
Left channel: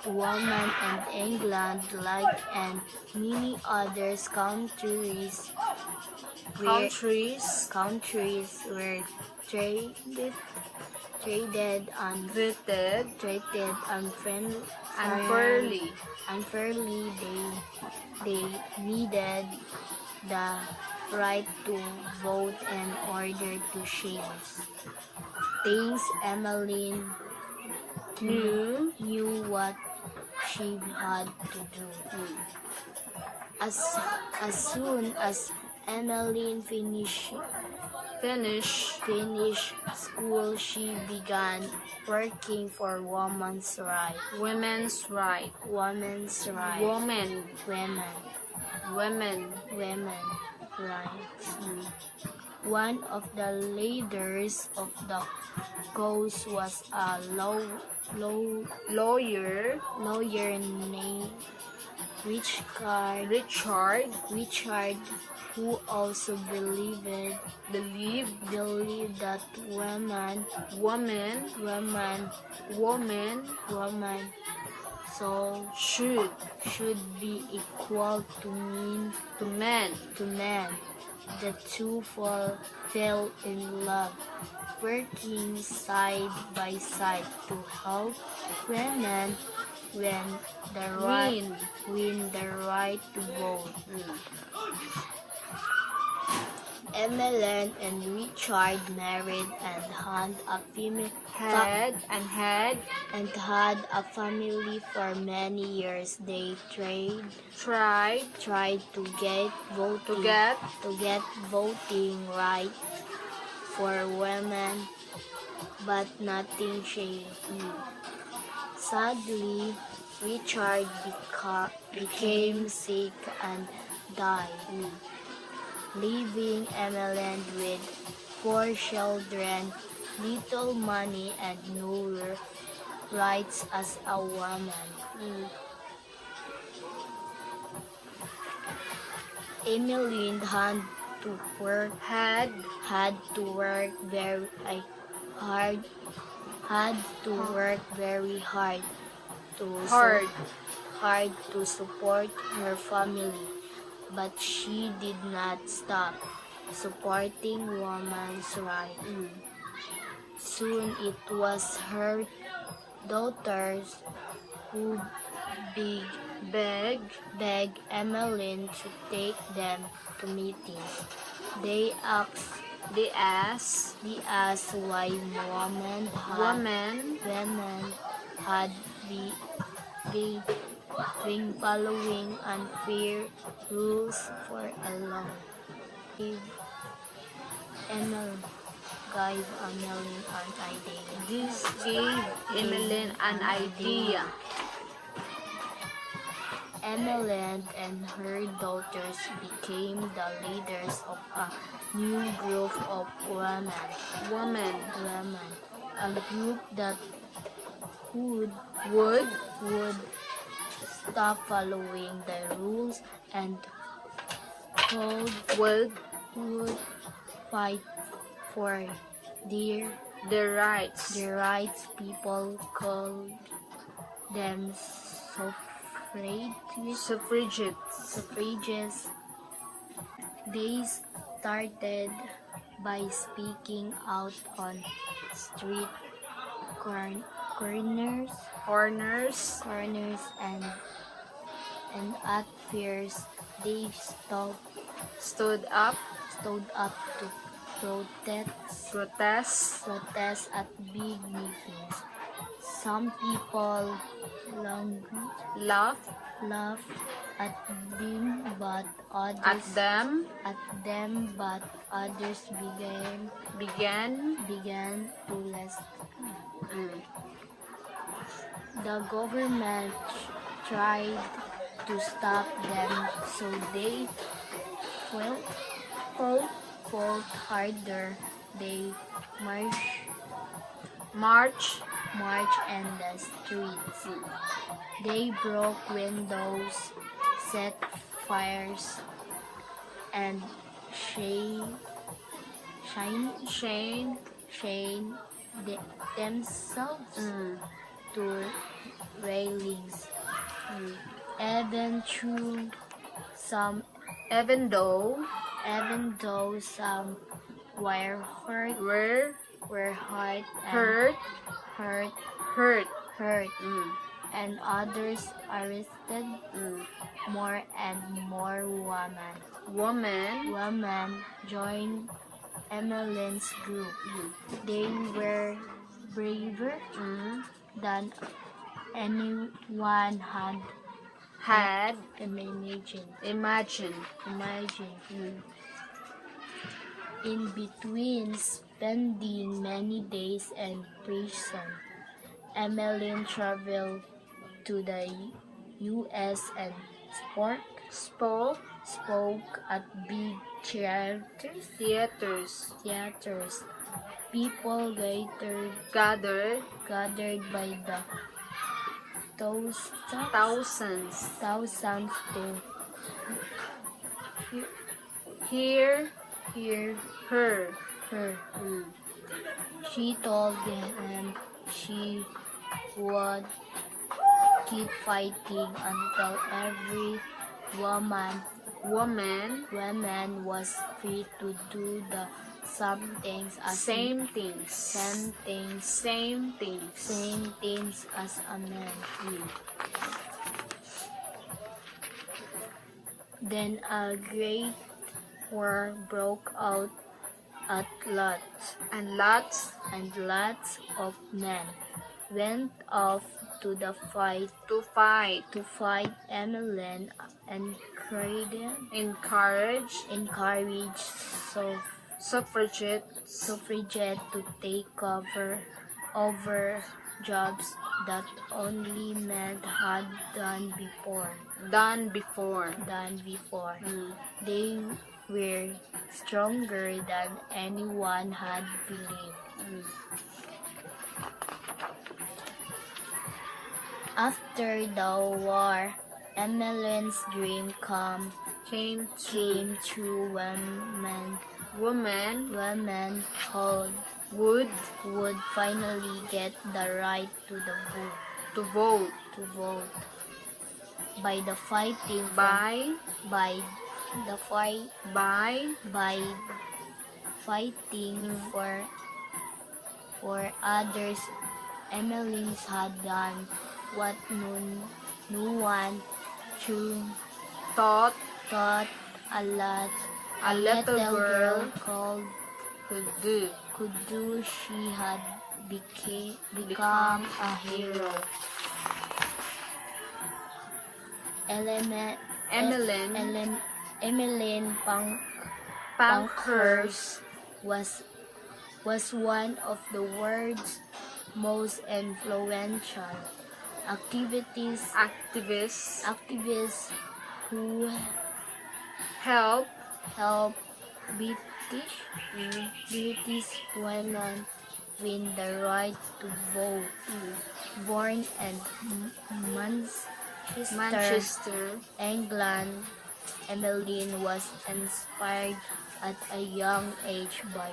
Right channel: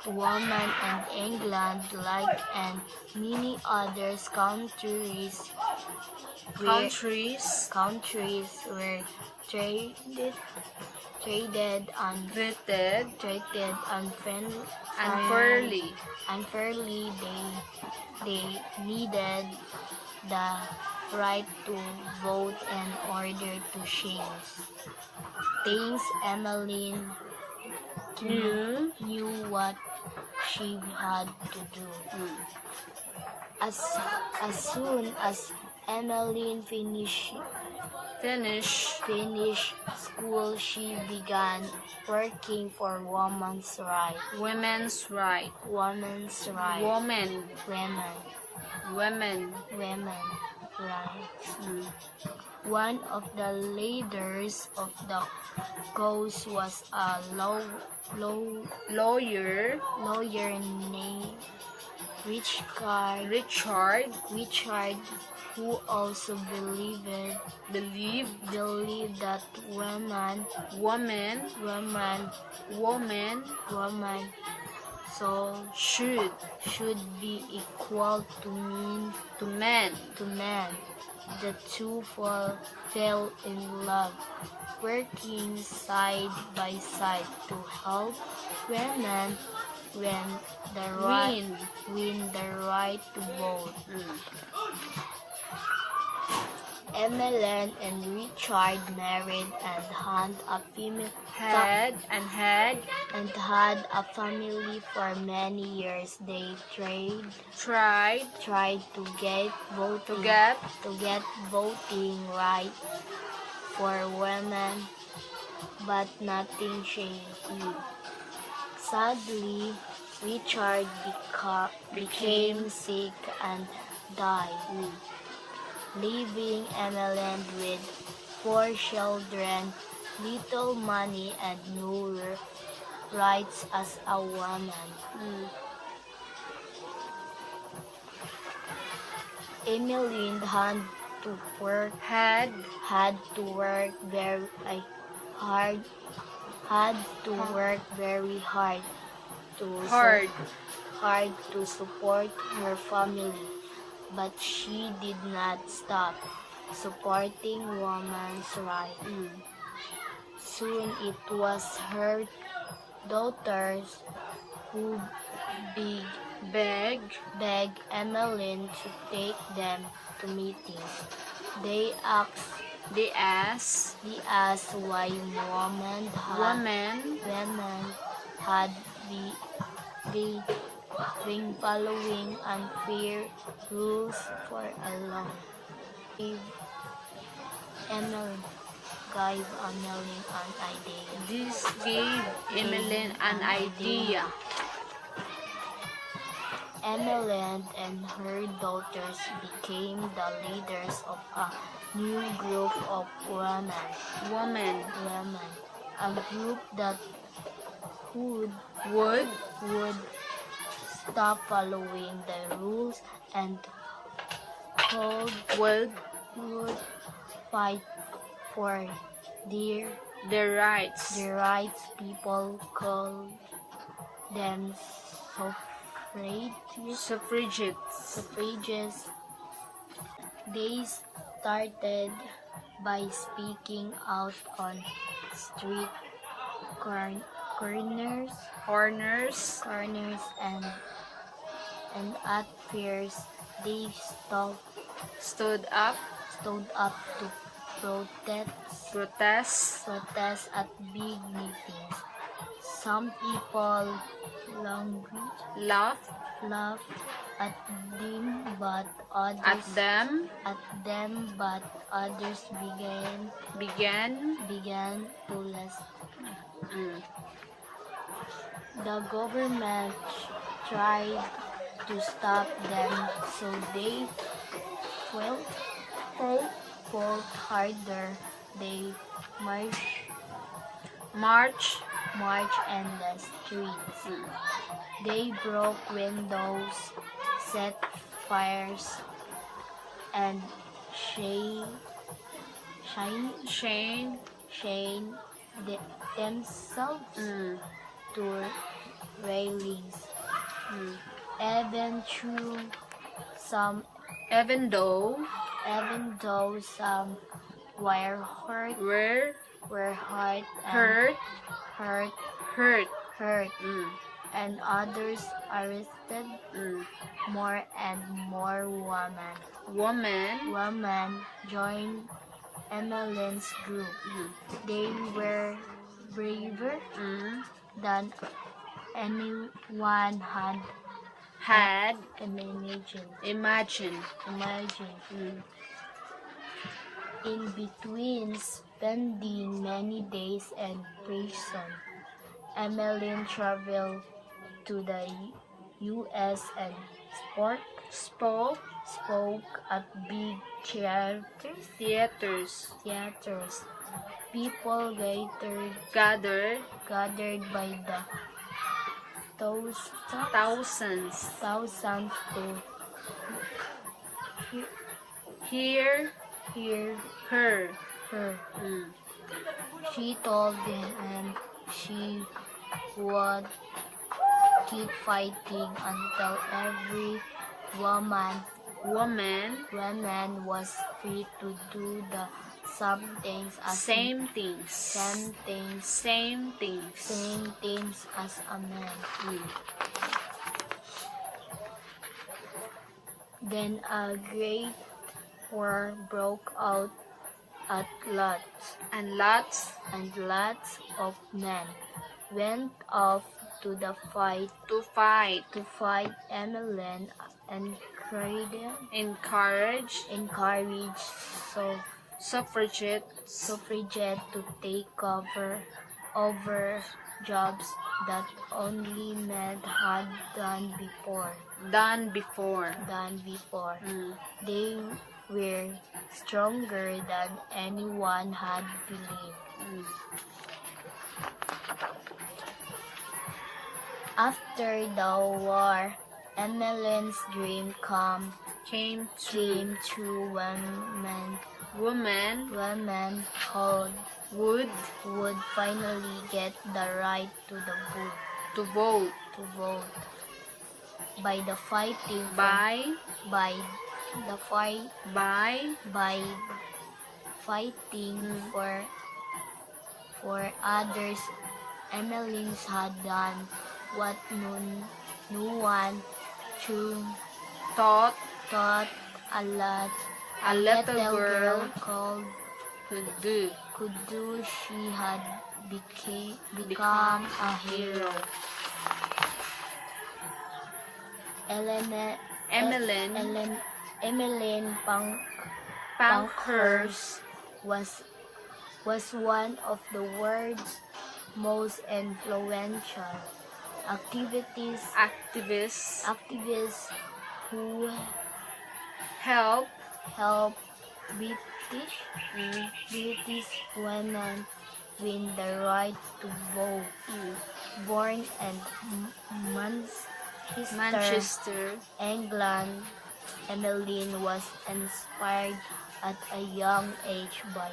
women in England, like and many other countries were traded treated unfairly. unfairly. They needed the right to vote in order to change things. Emmeline knew what she had to do. As soon as Emmeline finished school, she began working for women's rights. Women's right. Women's rights. Women Rights. One of the leaders of the cause was a lawyer named Richard, who also believed that women so should be equal to men. The two fell in love, working side by side to help women win the right to vote. Emmeline and Richard married and had a family for many years. They tried to get voting rights for women, but nothing changed. Sadly, Richard became sick and died, leaving Emmeline with 4 children, little money, and no rights as a woman. Emmeline had to work very hard hard to support her family, but she did not stop supporting women's rights. Soon it was her daughters who begged Emmeline to take them to meetings. They asked why women had been following unfair rules for a long time. Emmeline gave Emmeline an idea. This gave Emmeline an idea. Emmeline and her daughters became the leaders of a new group of women, a group that would stop following the rules and would fight for their rights. People called them suffragists. They started by speaking out on street corners and at fairs. They stood up to protest at big meetings. Some people laughed at them, but others began to listen. The government tried to stop them, so they fought harder. They marched in the streets. They broke windows, set fires, and chained themselves to railings. Even though some were hurt, and others arrested, more and more women joined Emmeline's group. They were braver than anyone had imagined. In between spending many days in prison, Emmeline traveled to the U.S. and spoke at big theaters. People gathered by the thousands to hear her. She told them she would keep fighting until every woman was free to do the same things as a man. Then a great war broke out at lots of men went off to the fight. Emmeline encouraged suffragettes to take over jobs that only men had done before. done before. They were stronger than anyone had believed. After the war, Emmeline's dream Came came true when women called would would finally get the right to the to vote vote by the fighting by by the fight by fighting Mm. for others. Emmeline's had done what no one true thought thought a little girl called could do. could do. She had become a hero. Emmeline Pankhurst was one of the world's most influential activists activists who help British women win the right to vote. Born in Manchester. England, Emmeline was inspired at a young age by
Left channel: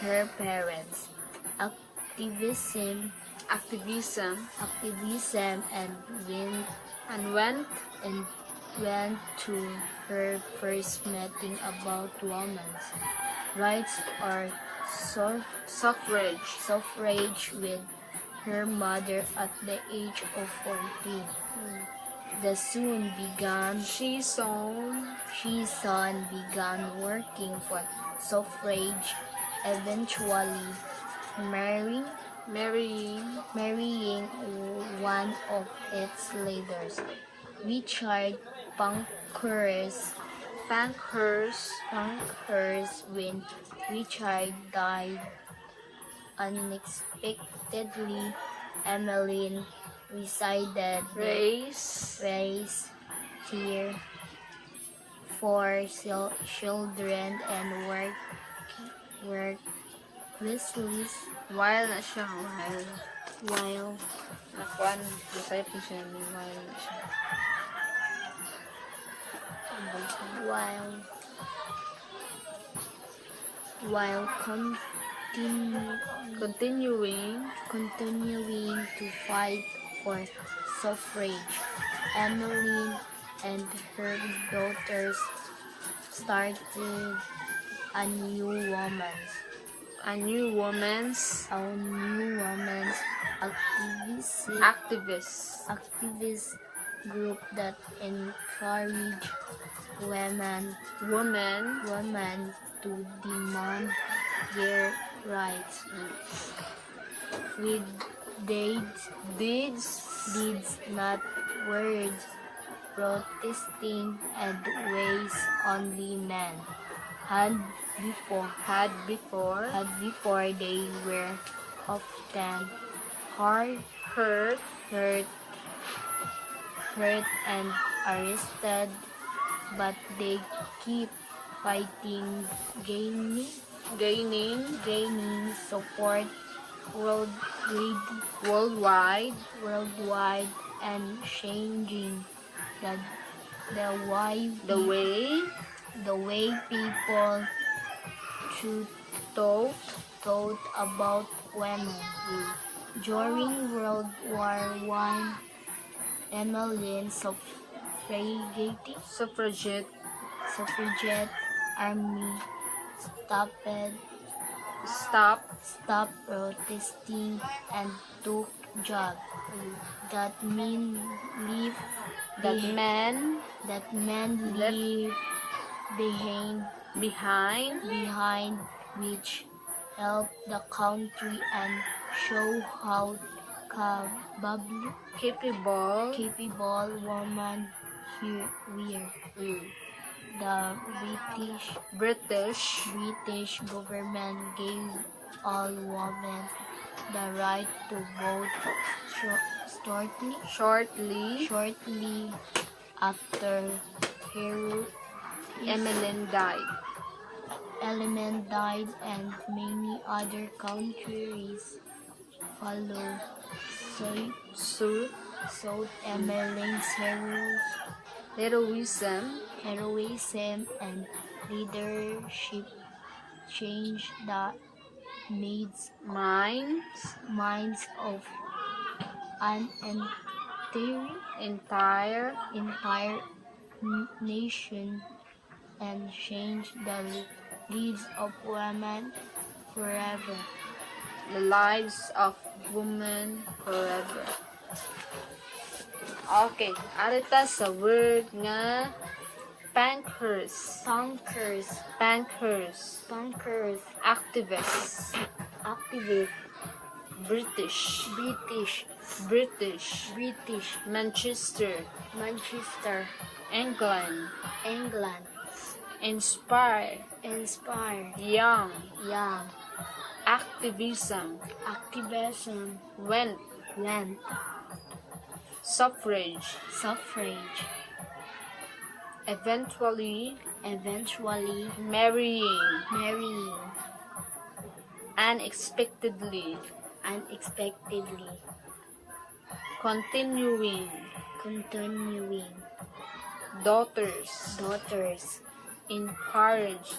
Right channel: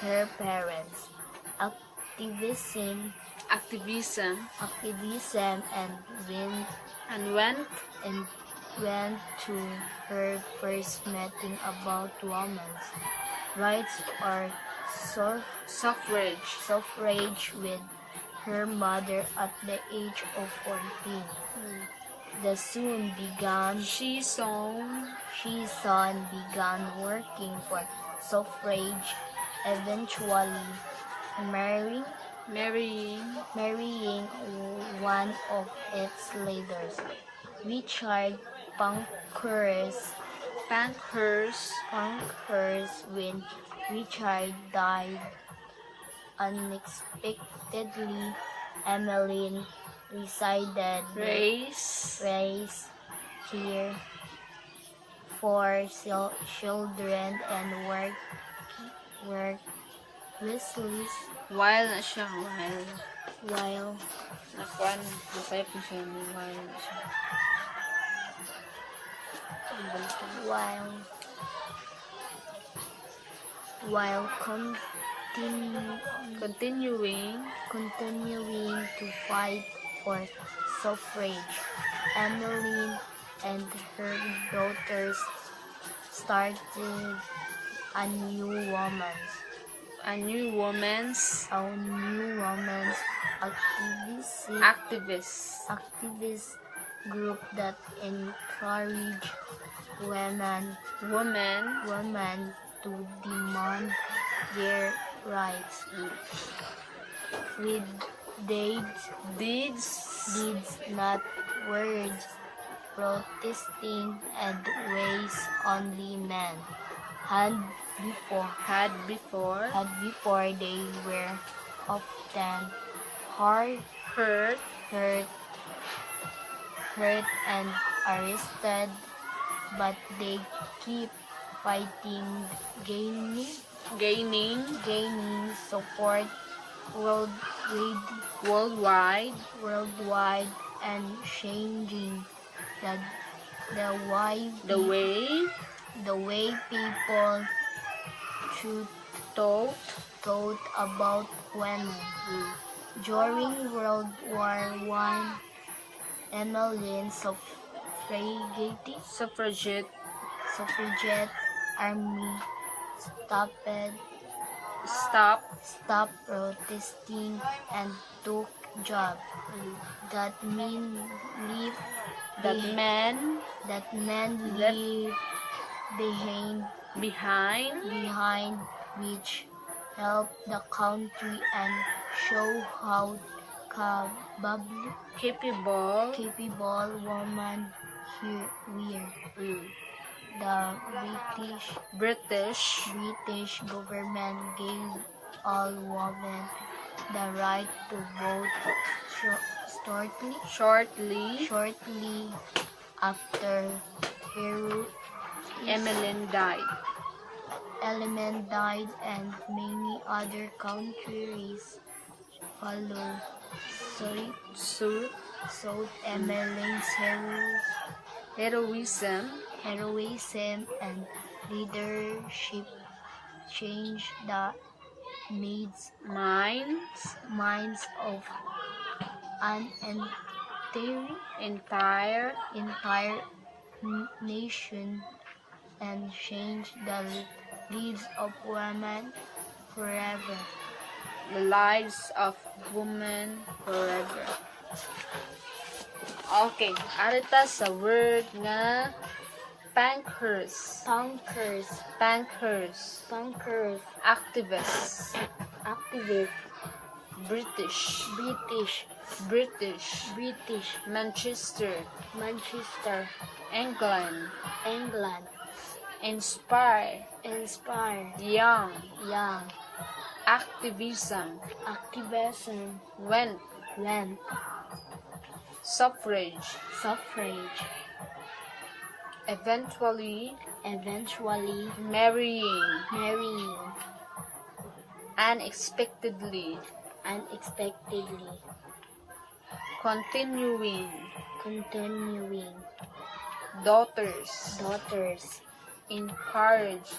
her parents. Activism and went went to her first meeting about women's rights or suffrage with her mother at the age of 14. She soon began working for suffrage, eventually marrying one of its leaders, Richard Pankhurst. When Richard died unexpectedly, Emmeline raised care for children and worked restless while na siya while nakuan masaya po siya ni while na siya while continuing to fight for suffrage. Emmeline and her daughters started a new women's activist group that encouraged women to demand their rights. With deeds, not words, protesting and ways only men had before they were often hurt and arrested, but they keep fighting, gaining support worldwide and changing the way people thought about women. During World War I, Emmeline's suffragette army stopped protesting and took jobs that men leave behind, which helped the country and show how capable women here were. the British British government gave all women the right to vote shortly after Hero Emmeline died. Element died, and many other countries followed Suit South Emmeline's heroism heroism and leadership changed the minds of an entire entire nation and changed the lives of women forever. the lives of women forever. Okay, arita sa word nga bankers, Punkers, activists, activists, British, British, Manchester, England, inspire, young, activism, went, land, suffrage, eventually, marrying, unexpectedly, continuing, daughters, encourage,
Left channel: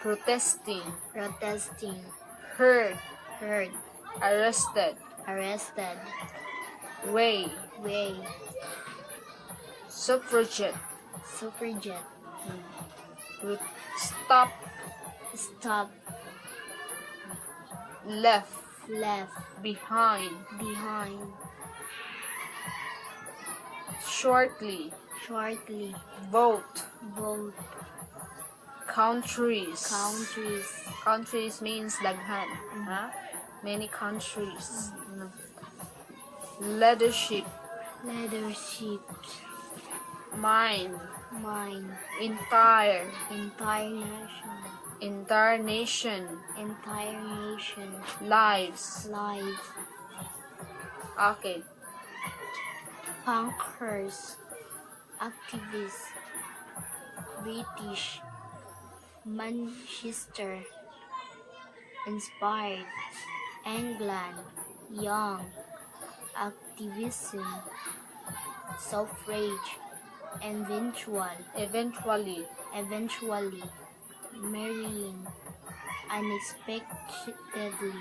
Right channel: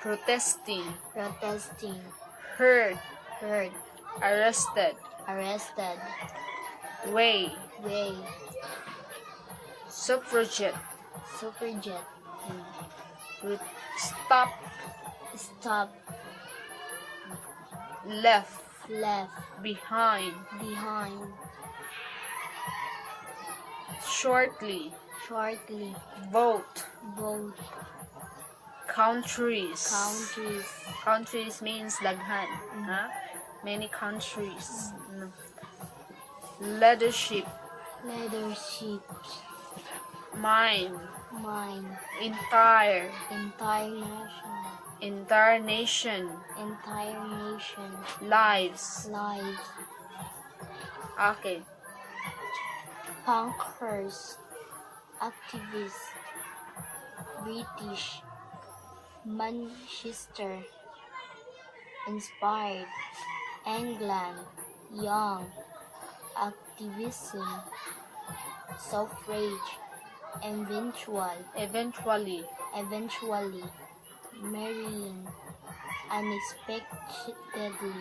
protesting, hurt, arrested, way, suffragette, stop, left, behind, shortly, vote, countries means daghan, many countries, leadership, mind, entire nation, lives. Okay, Punkers, activists, British, Manchester, inspired, England, young, activism, suffrage, eventually, marrying, unexpectedly,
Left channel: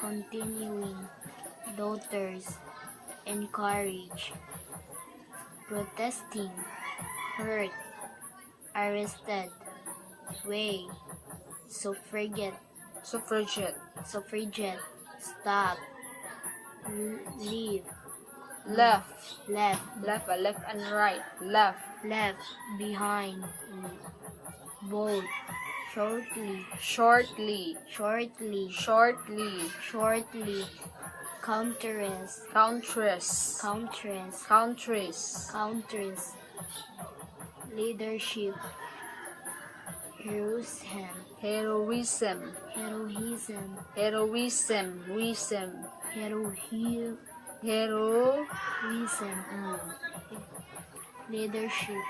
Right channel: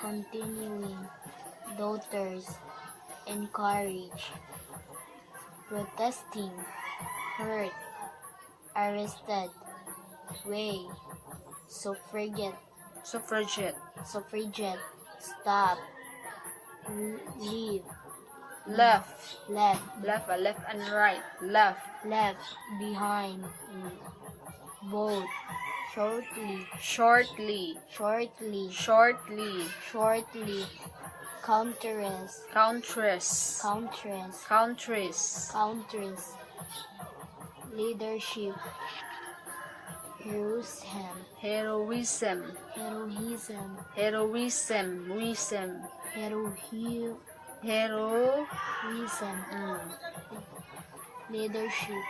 continuing, daughters, encourage, protesting, hurt, arrested, way, suffragette, stop, leave, left and right, left, behind, vote, shortly, countries, leadership, heroism, leadership,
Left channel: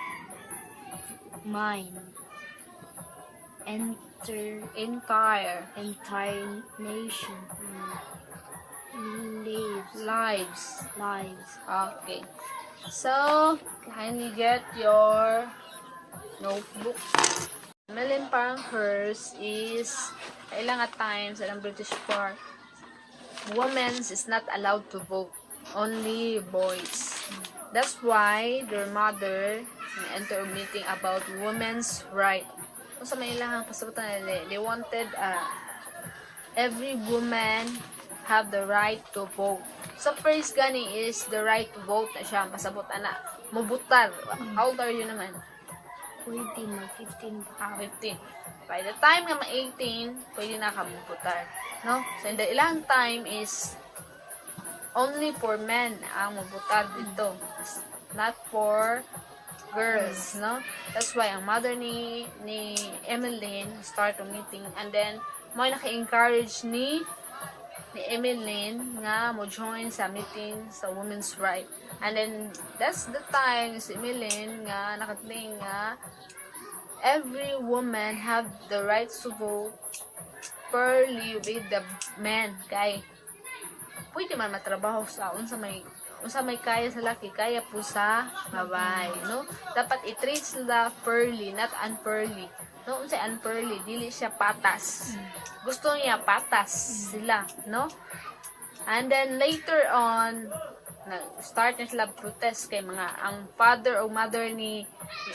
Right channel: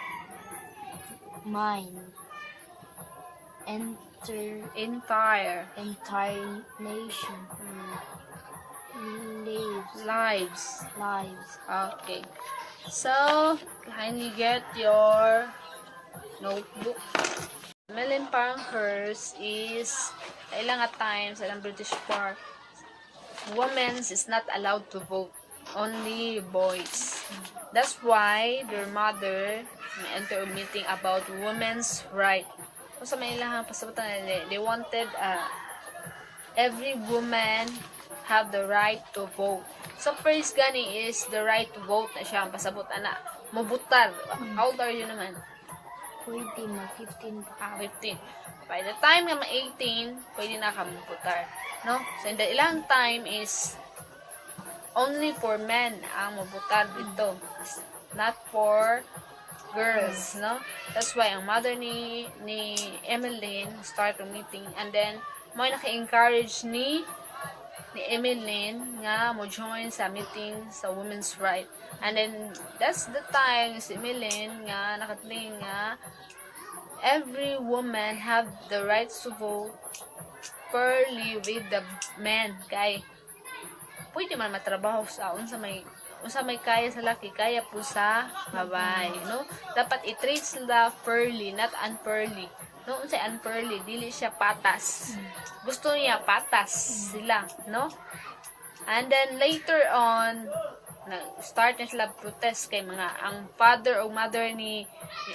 mind, entire nation, lives. lives. Okay, so kindly get your notebook. Emmeline Pankhurst is ilang at times ilang British for women is not allowed to vote, only boys. That's why their mother enter a meeting about women's right. Kung sa may ilang pasabutan nila, they wanted every woman have the right to vote. So first gani is the right to vote na siya, masabot na mabutar. How old are you naman? 15 na 15. 15. By the time na ma-18, pwede na ka mabutar. No? So, the ilang time is only for men ang mabutar dito. Not for girls, no? That's why ang mother ni Emeline start a meeting, and then mo naka-encourage ni Emeline nga mo join sa meeting sa women's right. And then that's the time si Emeline nga nakatingin nga every woman have the right to vote fairly with the men. Kay pwede man matrabaho sa unsa may kaya sa laki, kaya po sa babae, no? Dapat i-treat sila fairly, not unfairly. No, unsay unfairly, dili siya patas. Gusto niya patas sila, no? And then later on, start na sila protest kay mga ang father o mother ni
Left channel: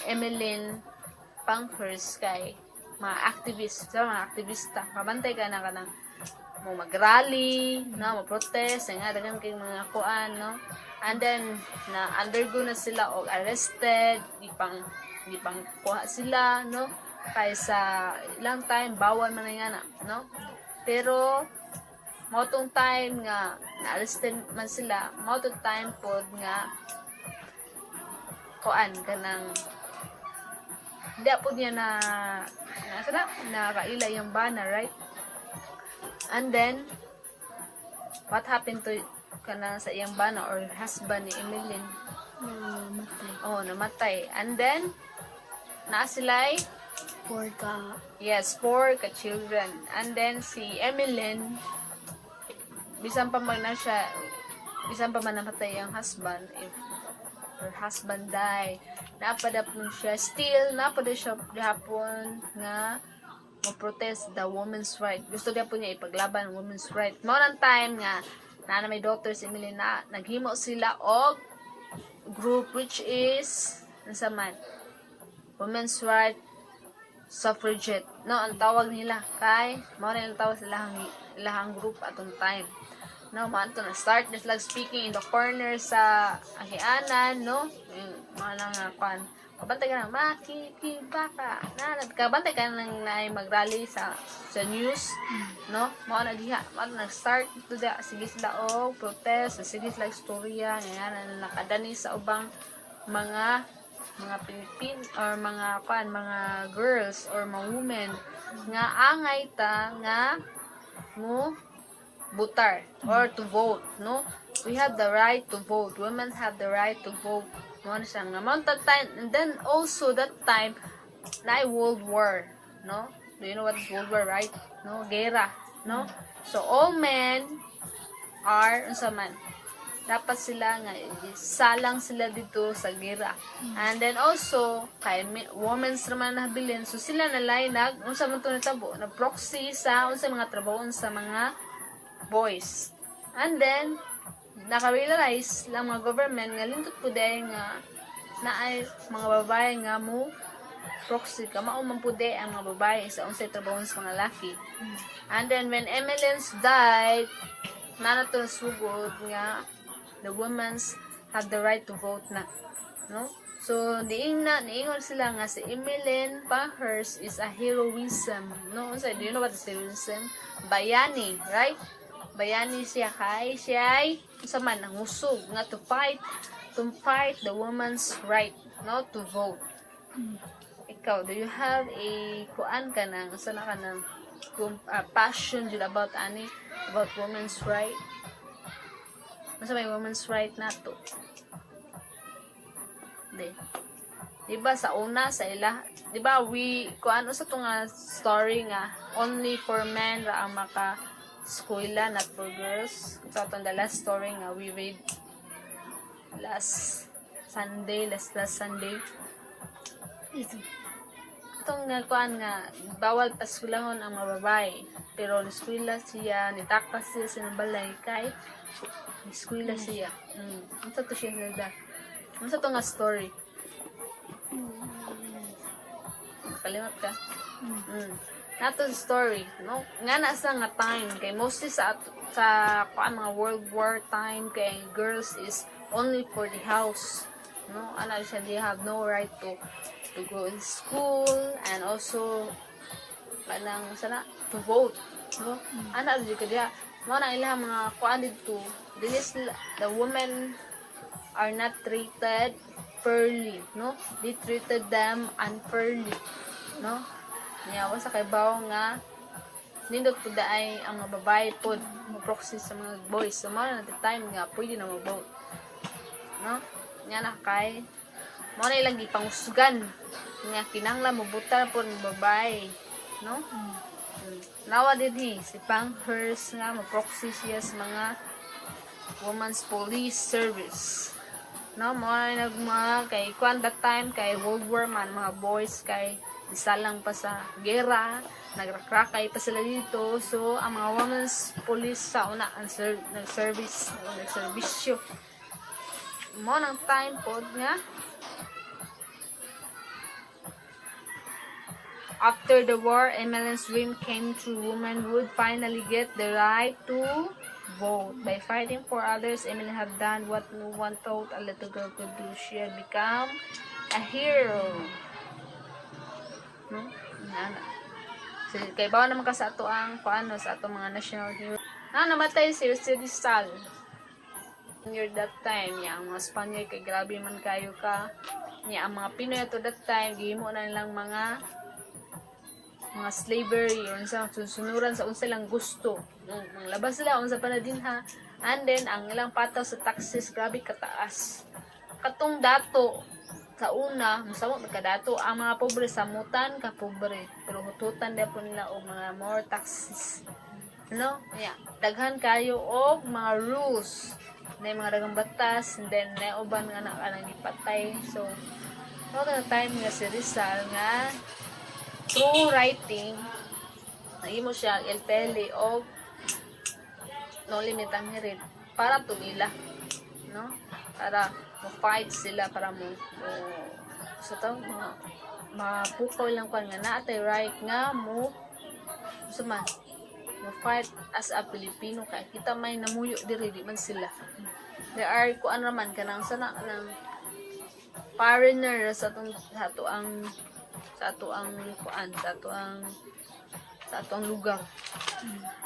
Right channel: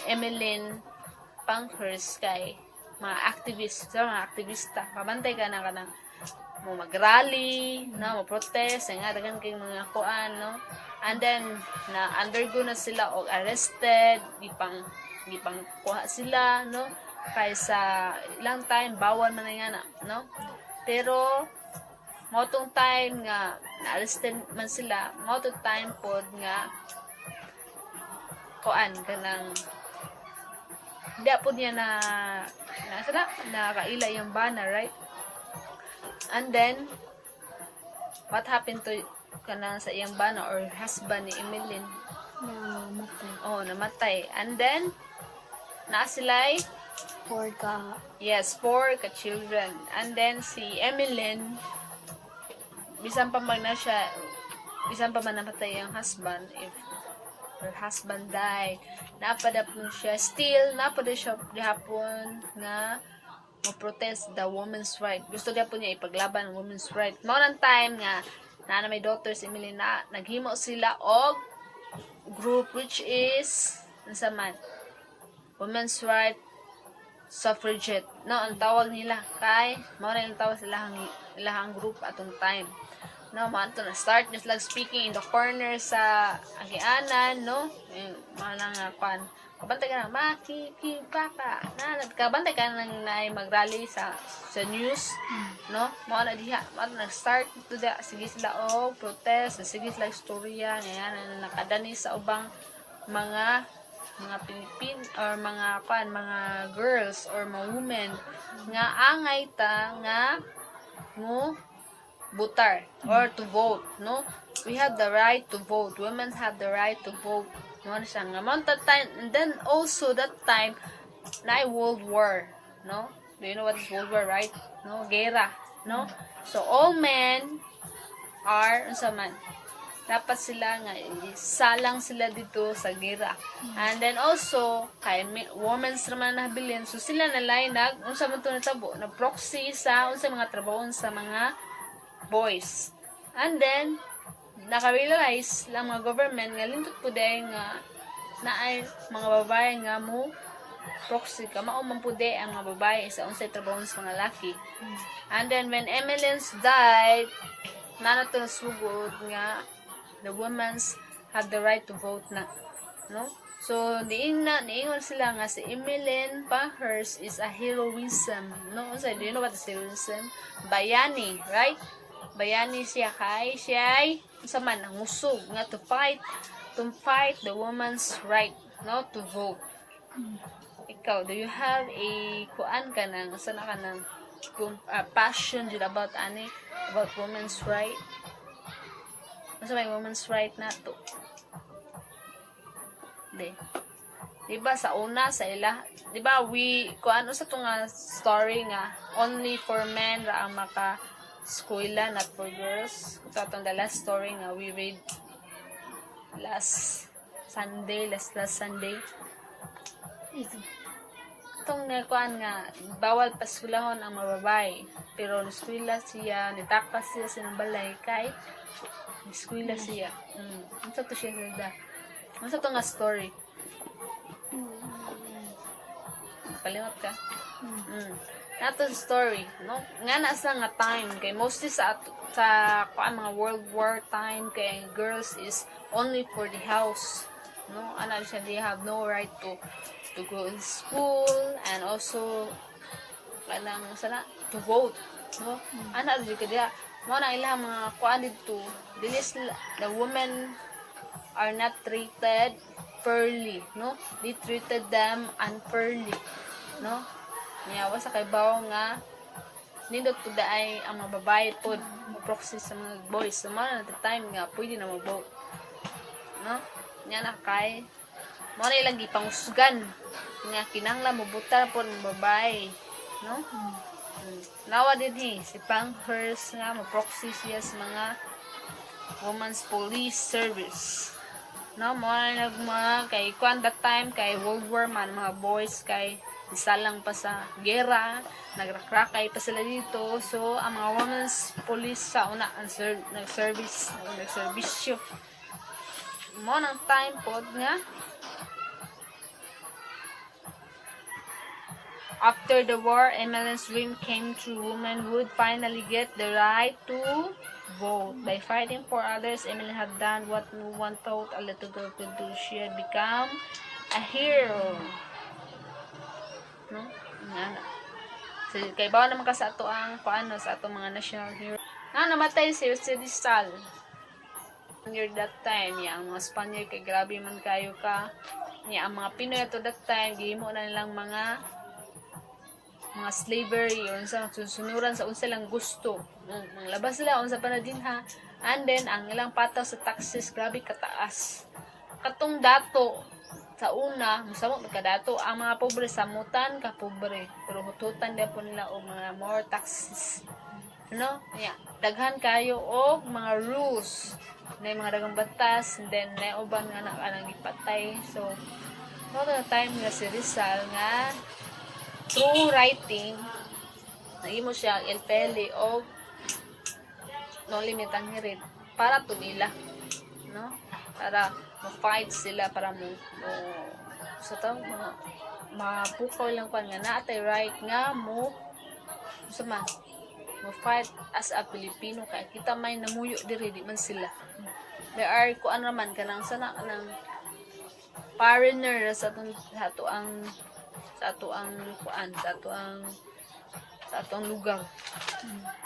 Emeline Pankhurst kay mga activists, mga aktivista. Kabantay ka na kanang mo mag-rally, no, mo protest, nga dagan kay mga kuan, no? And then na undergo na sila og arrested, di pang kuha sila, no? Kaysa ilang time bawal man na no, pero motong time nga na-arrested man sila, motong time pod nga kuan kanang hindi po niya na kaila yung banner, right? And then what happened to kanang sa iyang banner or husband ni Emeline? Namatay. And then na sila'y 4 ka. Yes, 4 ka-children. And then, si Emeline, bisan pa man namatay ang husband, if her husband died, napadap mo siya, still, napada siya gahapon nga ma-protest the women's right. Gusto niya po niya ipaglaban ang women's right. Noon ang time nga, na may daughter si Emeline na, naghimo sila og group which is, nasa man, women's right suffragette, no, ang tawag nila kay mao na yung tawag sa lahang group atong time, no, manto na start is like speaking in the corner sa agianan, no, mana nga pan kabantay ka na makikibaka na nagkabantay ka nang mag-rally sa news, no, mao na diha mao na start to the sige sila protest, sige sila istorya ngayon nakadani sa ubang mga Pilipin or mga girls or mga women nga angay ta nga mo butar or to vote, no? We have the right to vote. Women have the right to vote. Mo na siya nga that time, and then also that time na World War, no? Do you know what is World War, right? No, gera, no? So all men are unsa man dapat sila nga salang sila dito sa gera. And then also kay women's naman nahabilin, so sila nalay unsa man to natabo na proxy sa unsa mga trabaho sa mga boys. And then naka-realize lang mga government nga lindot po dahil nga naay mga babae nga mo proxy ka mao man pud ang mga babae sa unsay trabaho sa mga laki. And then when Emily's died, nanato na sugod nga the women's have the right to vote na, no? So niingon sila nga si Emeline Pankhurst is a heroism, no? So do you know what is heroism? Bayani, right? Bayani siya kay siya ay sa man ang usog nga to fight the woman's right, no, to vote. Ikaw, do you have a kuan ka nang sana ka nang passion about women's right? Ano may women's right na to? Diba sa una sa ila, diba kung ano sa itong story nga only for men ra ang maka eskwela, not for girls. Sa itong the last story nga we read last Sunday. Itong kuan nga bawal paskulahon ang mga babae, pero eskwela siya, nitakas siya sa balay kay eskwela siya. Ano to siya nilda? Ano sa ito nga story? Kalimot ka? Nato story, no? Nga nasa nga time, kay mostly sa mga World War time, kay girls is only for the house. No? Ano siya, they have no right to go in school, and also to vote. No? Ano siya kaya mo na ilang mga kuan dito, dili sila, the women are not treated fairly, no? They treated them unfairly, no? Yawa sa kay bawo nga nindot pud ay ang mga babae pud mo proxy sa mga boys. So man at the time nga pwede na mag-vote, no? Nya na kay mo na ilang gipangusgan nga kinahanglan mobuta pud ang babae, no? Nawa dinhi si Pankhurst nga mo-proxy siya sa mga Women's Police Service. No, mga nagma kay kuan that time kay World War man mga boys kay isa lang pa sa gera, nagrakrakay pa sila dito. So ang mga Women's Police sa una ang nagserbisyo. Mo nang time pod nga after the war, Emily's dream came true. Women would finally get the right to vote. By fighting for others, Emily had done what no one thought a little girl could do. She had become a hero. No? So, kay bawa naman ka sa ato ang paano sa ato mga national hero. Namatay si Jose Rizal. Near that time, ang mga Spaniard kay grabe man kayo ka. Ang mga Pinoy to that time, gihimo na nilang mga slavery or sa susunuran sa unsa lang gusto. Ang labas sila unsa pa na din ha. And then ang ilang pataw sa taxes grabe kataas. Katong dato sa una, masamo magkadato ang mga pobre samutan ka pobre. Pero hututan din po nila og mga more taxes. No? Daghan kayo og mga rules. Na mga dagang batas, and then na uban nga na ipatay. So, all the time nga si Rizal nga through writing, nahimo siya LPL o no limitan ni rin para tumila, no? Para ma-fight sila, para mo sa to, mga mapukaw lang ko nga naatay right nga mo sama ma-fight as a Pilipino kay kita may namuyo diri di man sila. There are kuan naman kanang sana ng foreigner sa ato ang lugar.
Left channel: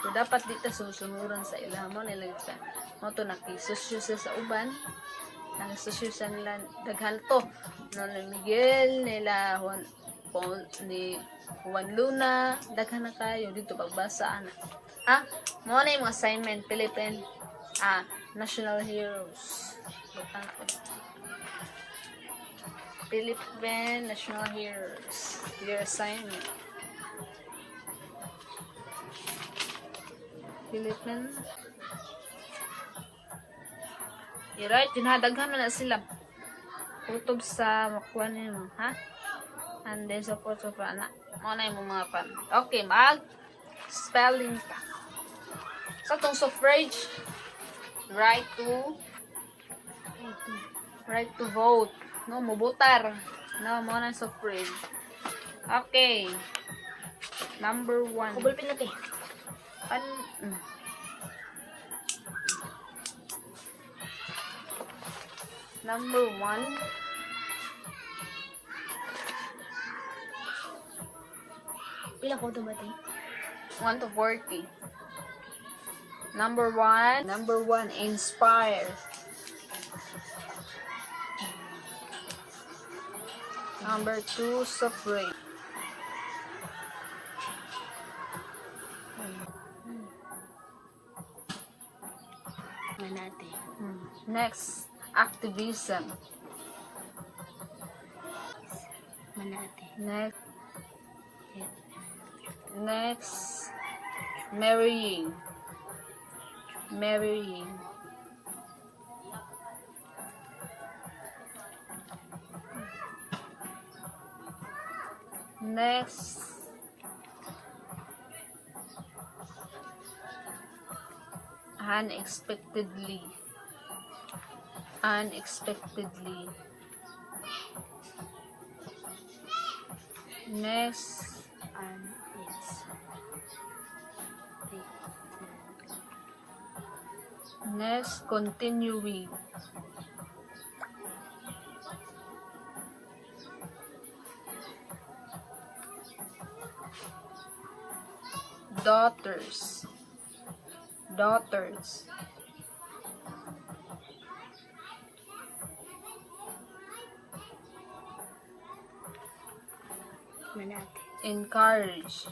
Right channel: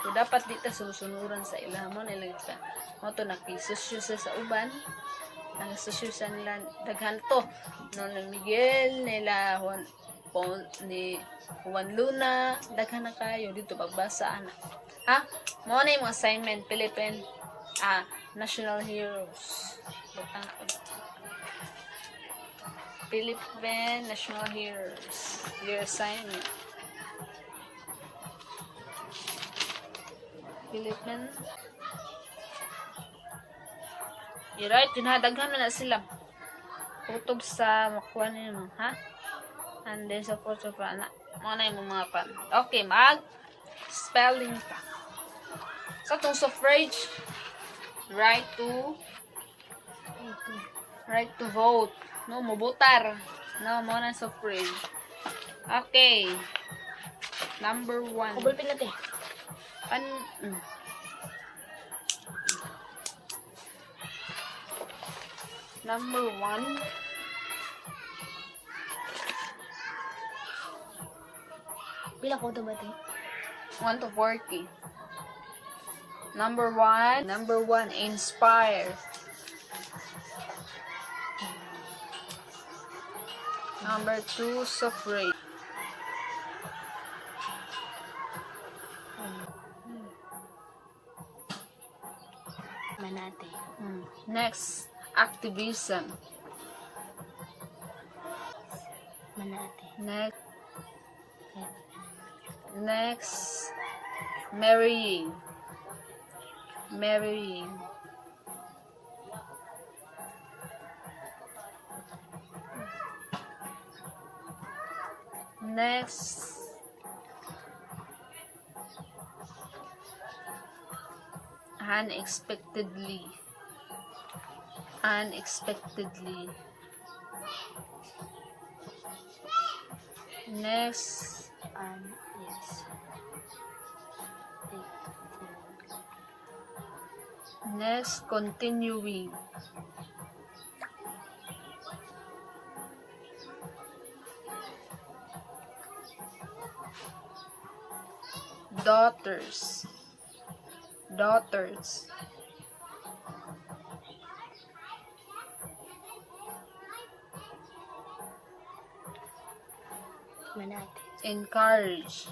So dapat dito susunuran sa ila mo nila ka. Mo to nakisosyo sa uban. Nang sosyo sa nila daghan to. No Miguel nila ni Juan Luna, daghan na kayo dito pagbasa ana. Mo na yung assignment Philippine National Heroes. Philippine National Heroes. Your assignment. Philippine. I-write yun ha. Daghan na sila. Kutob sa makuha nyo. Ha? And then support sa prana. Muna yung mga pan. Okay, spelling pa. Sa itong suffrage, right to vote. No, mubutar. No, muna suffrage. Okay. Number 1. Kubol pinati. Number 1. Pila ko dumatay? 1 to 40. Number 1, inspire. Number 2, suffrage. Manate. Next, activism. Manate. Next, marrying. Next, unexpectedly. Next, Yes. next, continuing. daughters. Manati. Encourage.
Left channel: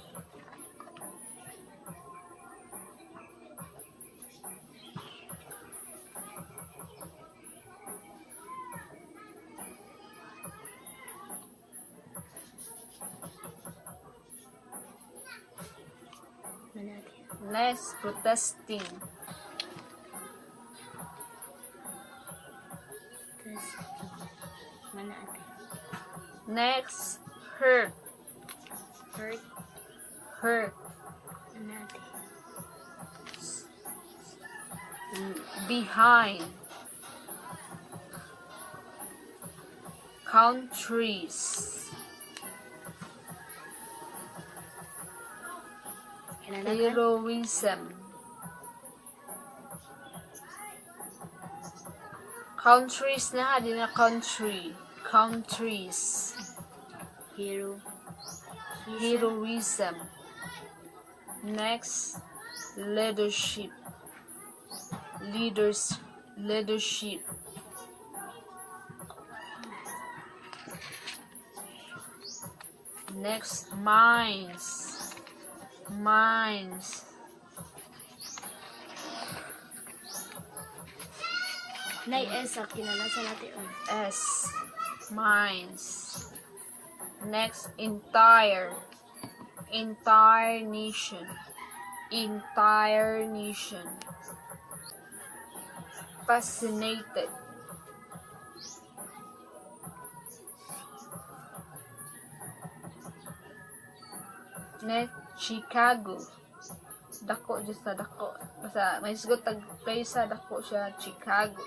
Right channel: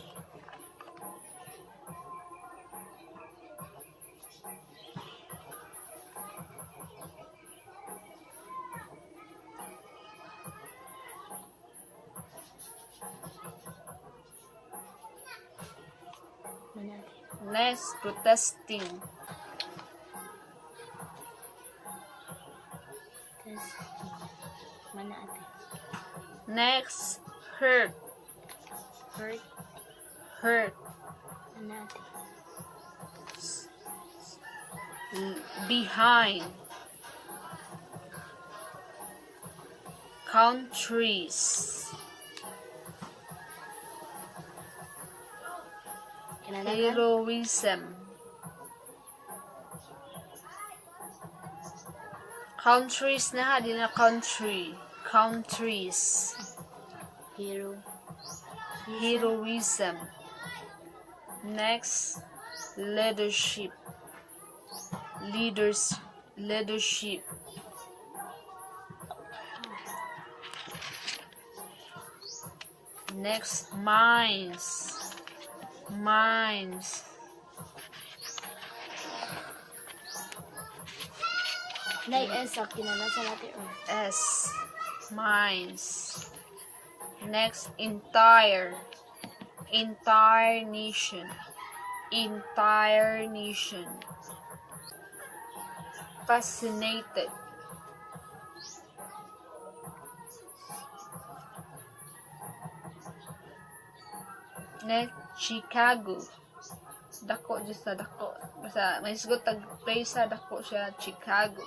Manati. Next, protesting. Tapos, manati. Next, hurt. Hurt. Hurt. Manati. Behind. Countries. Kinadagan. Heroism. Countries na, di na country. Countries. Hero. Heroism. Next, leadership. Leadership. Next, minds. Nay, S, kinalasa natin. S. Minds. Next, entire nation. Fascinated. Next, Chicago. Dako just sa dako. Basta may sugot tag place sa dako siya, Chicago.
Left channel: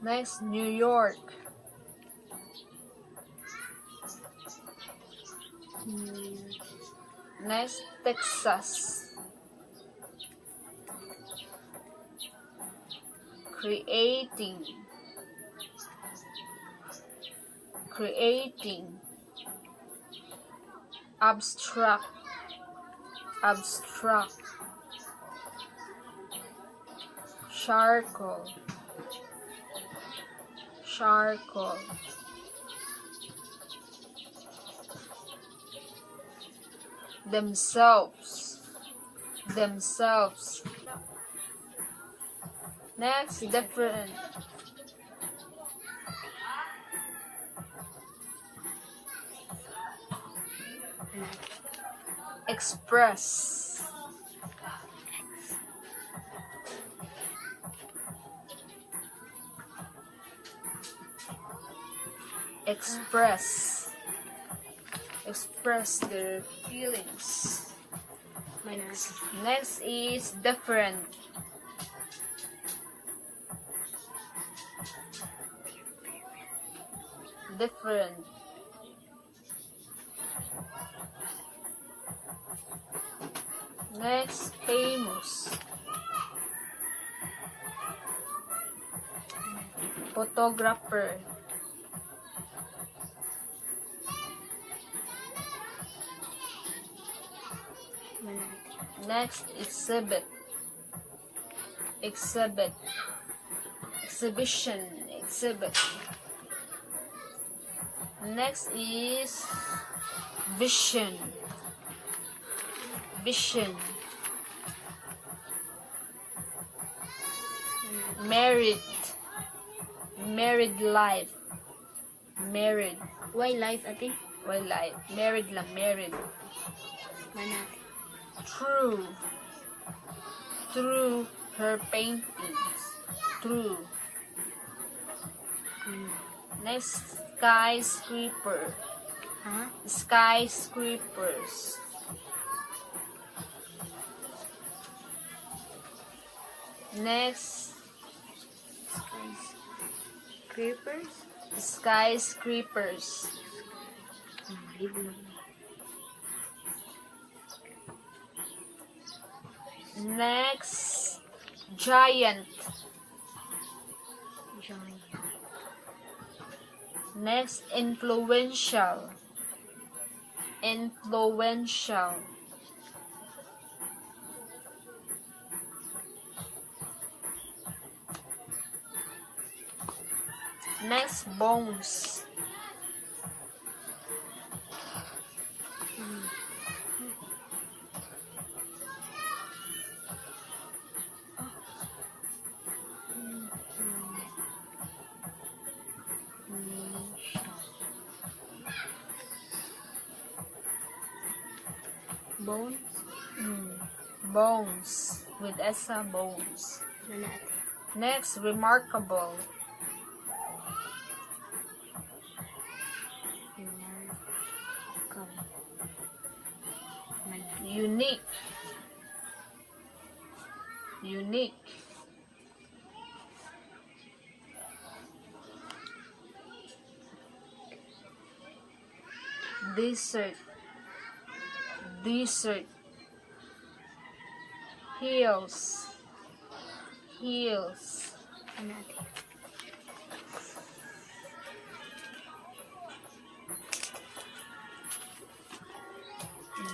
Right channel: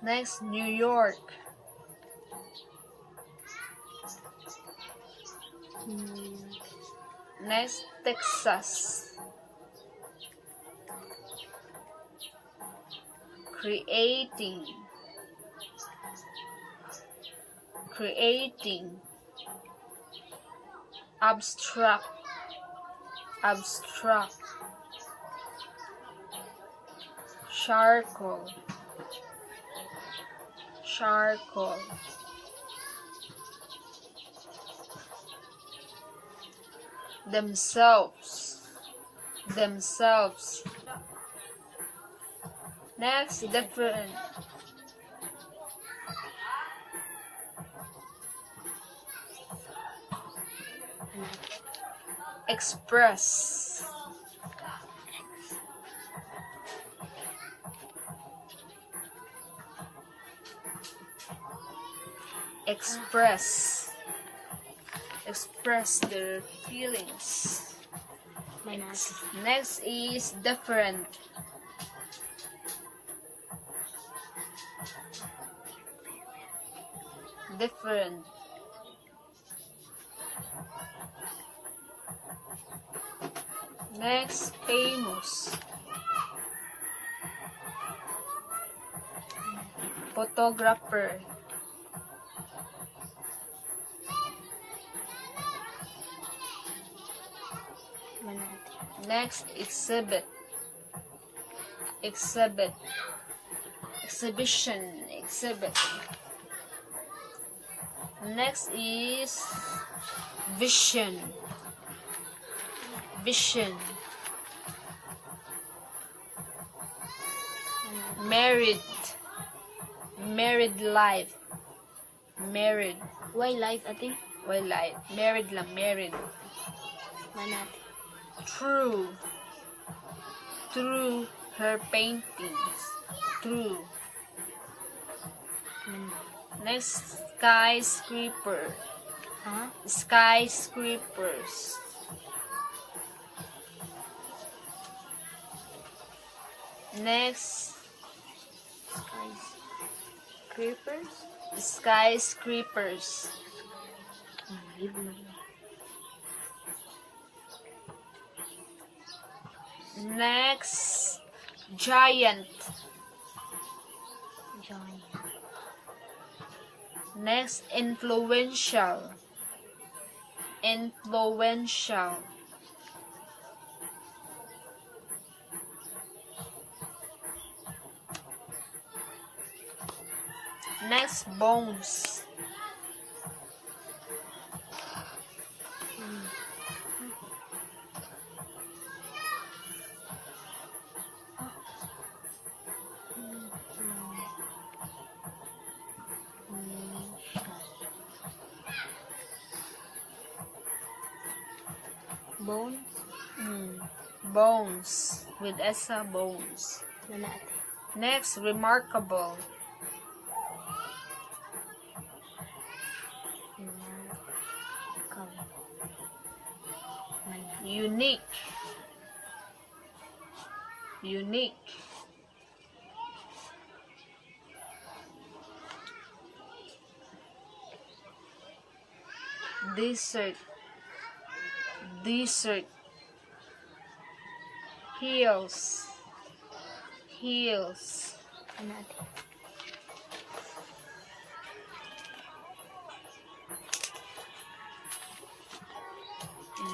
Next, New York. Next, Texas. Creating. Abstract. Charcoal. Themselves. Next, different. Express. Express their feelings. Next is different. Next, famous. Photographer. Next, exhibit. Exhibition. Next is vision. Married life. Why life, ate? Married lang, married. Manati. Through her paintings. Next, skyscraper. Skyscrapers. Next, skyscrapers. Next, giant. Next, influential. Influential. Next, bones. Bones. Bones. With esa, bones. Ito natin. Next, remarkable. Unique. Unique. Desert. Desert. Hills. Hills. Ito natin.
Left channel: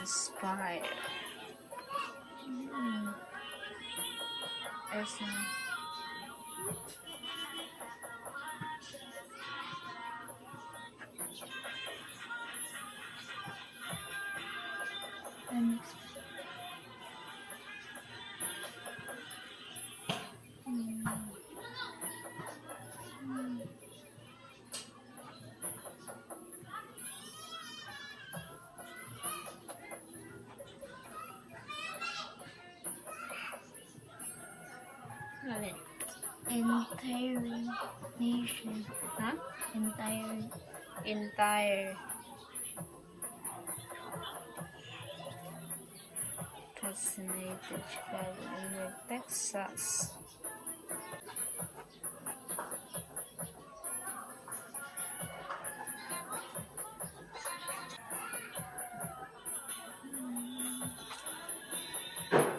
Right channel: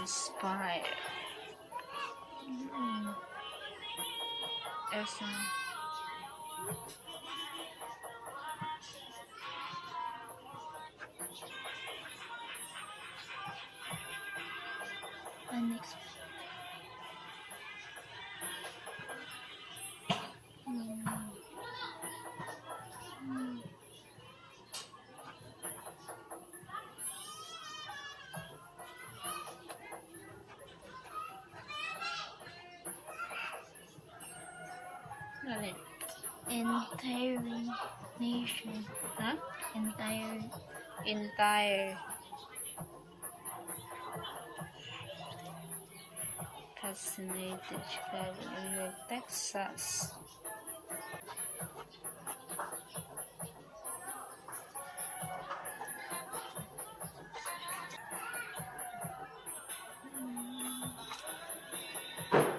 Inspire. Esa. Next. Ano yun? Entire nation. Ha? Entire. Entire. Fascinated Chicago, New York, Texas.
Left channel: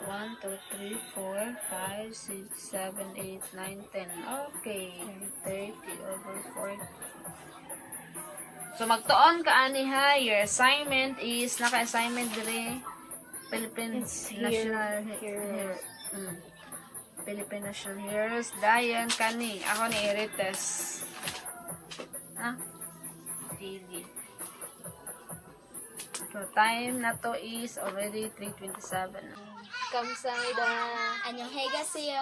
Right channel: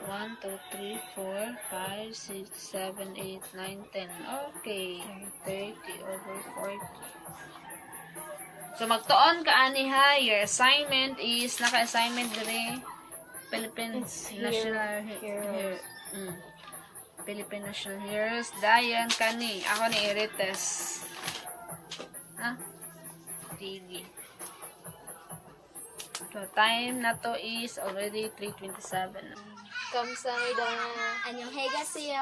One, two, three, 4, 5, 6, 7, 8, 9, 10. Okay. 30 over 40. So, magtuon ka ani ha. Your assignment is, naka-assignment dili Philippine It's National Heroes. Philippine National Heroes. Dayan kani. Ako ni Irites. Ha? Sige. So, time na to is already 3:27. Kamsahamnida. 안녕히 계세요.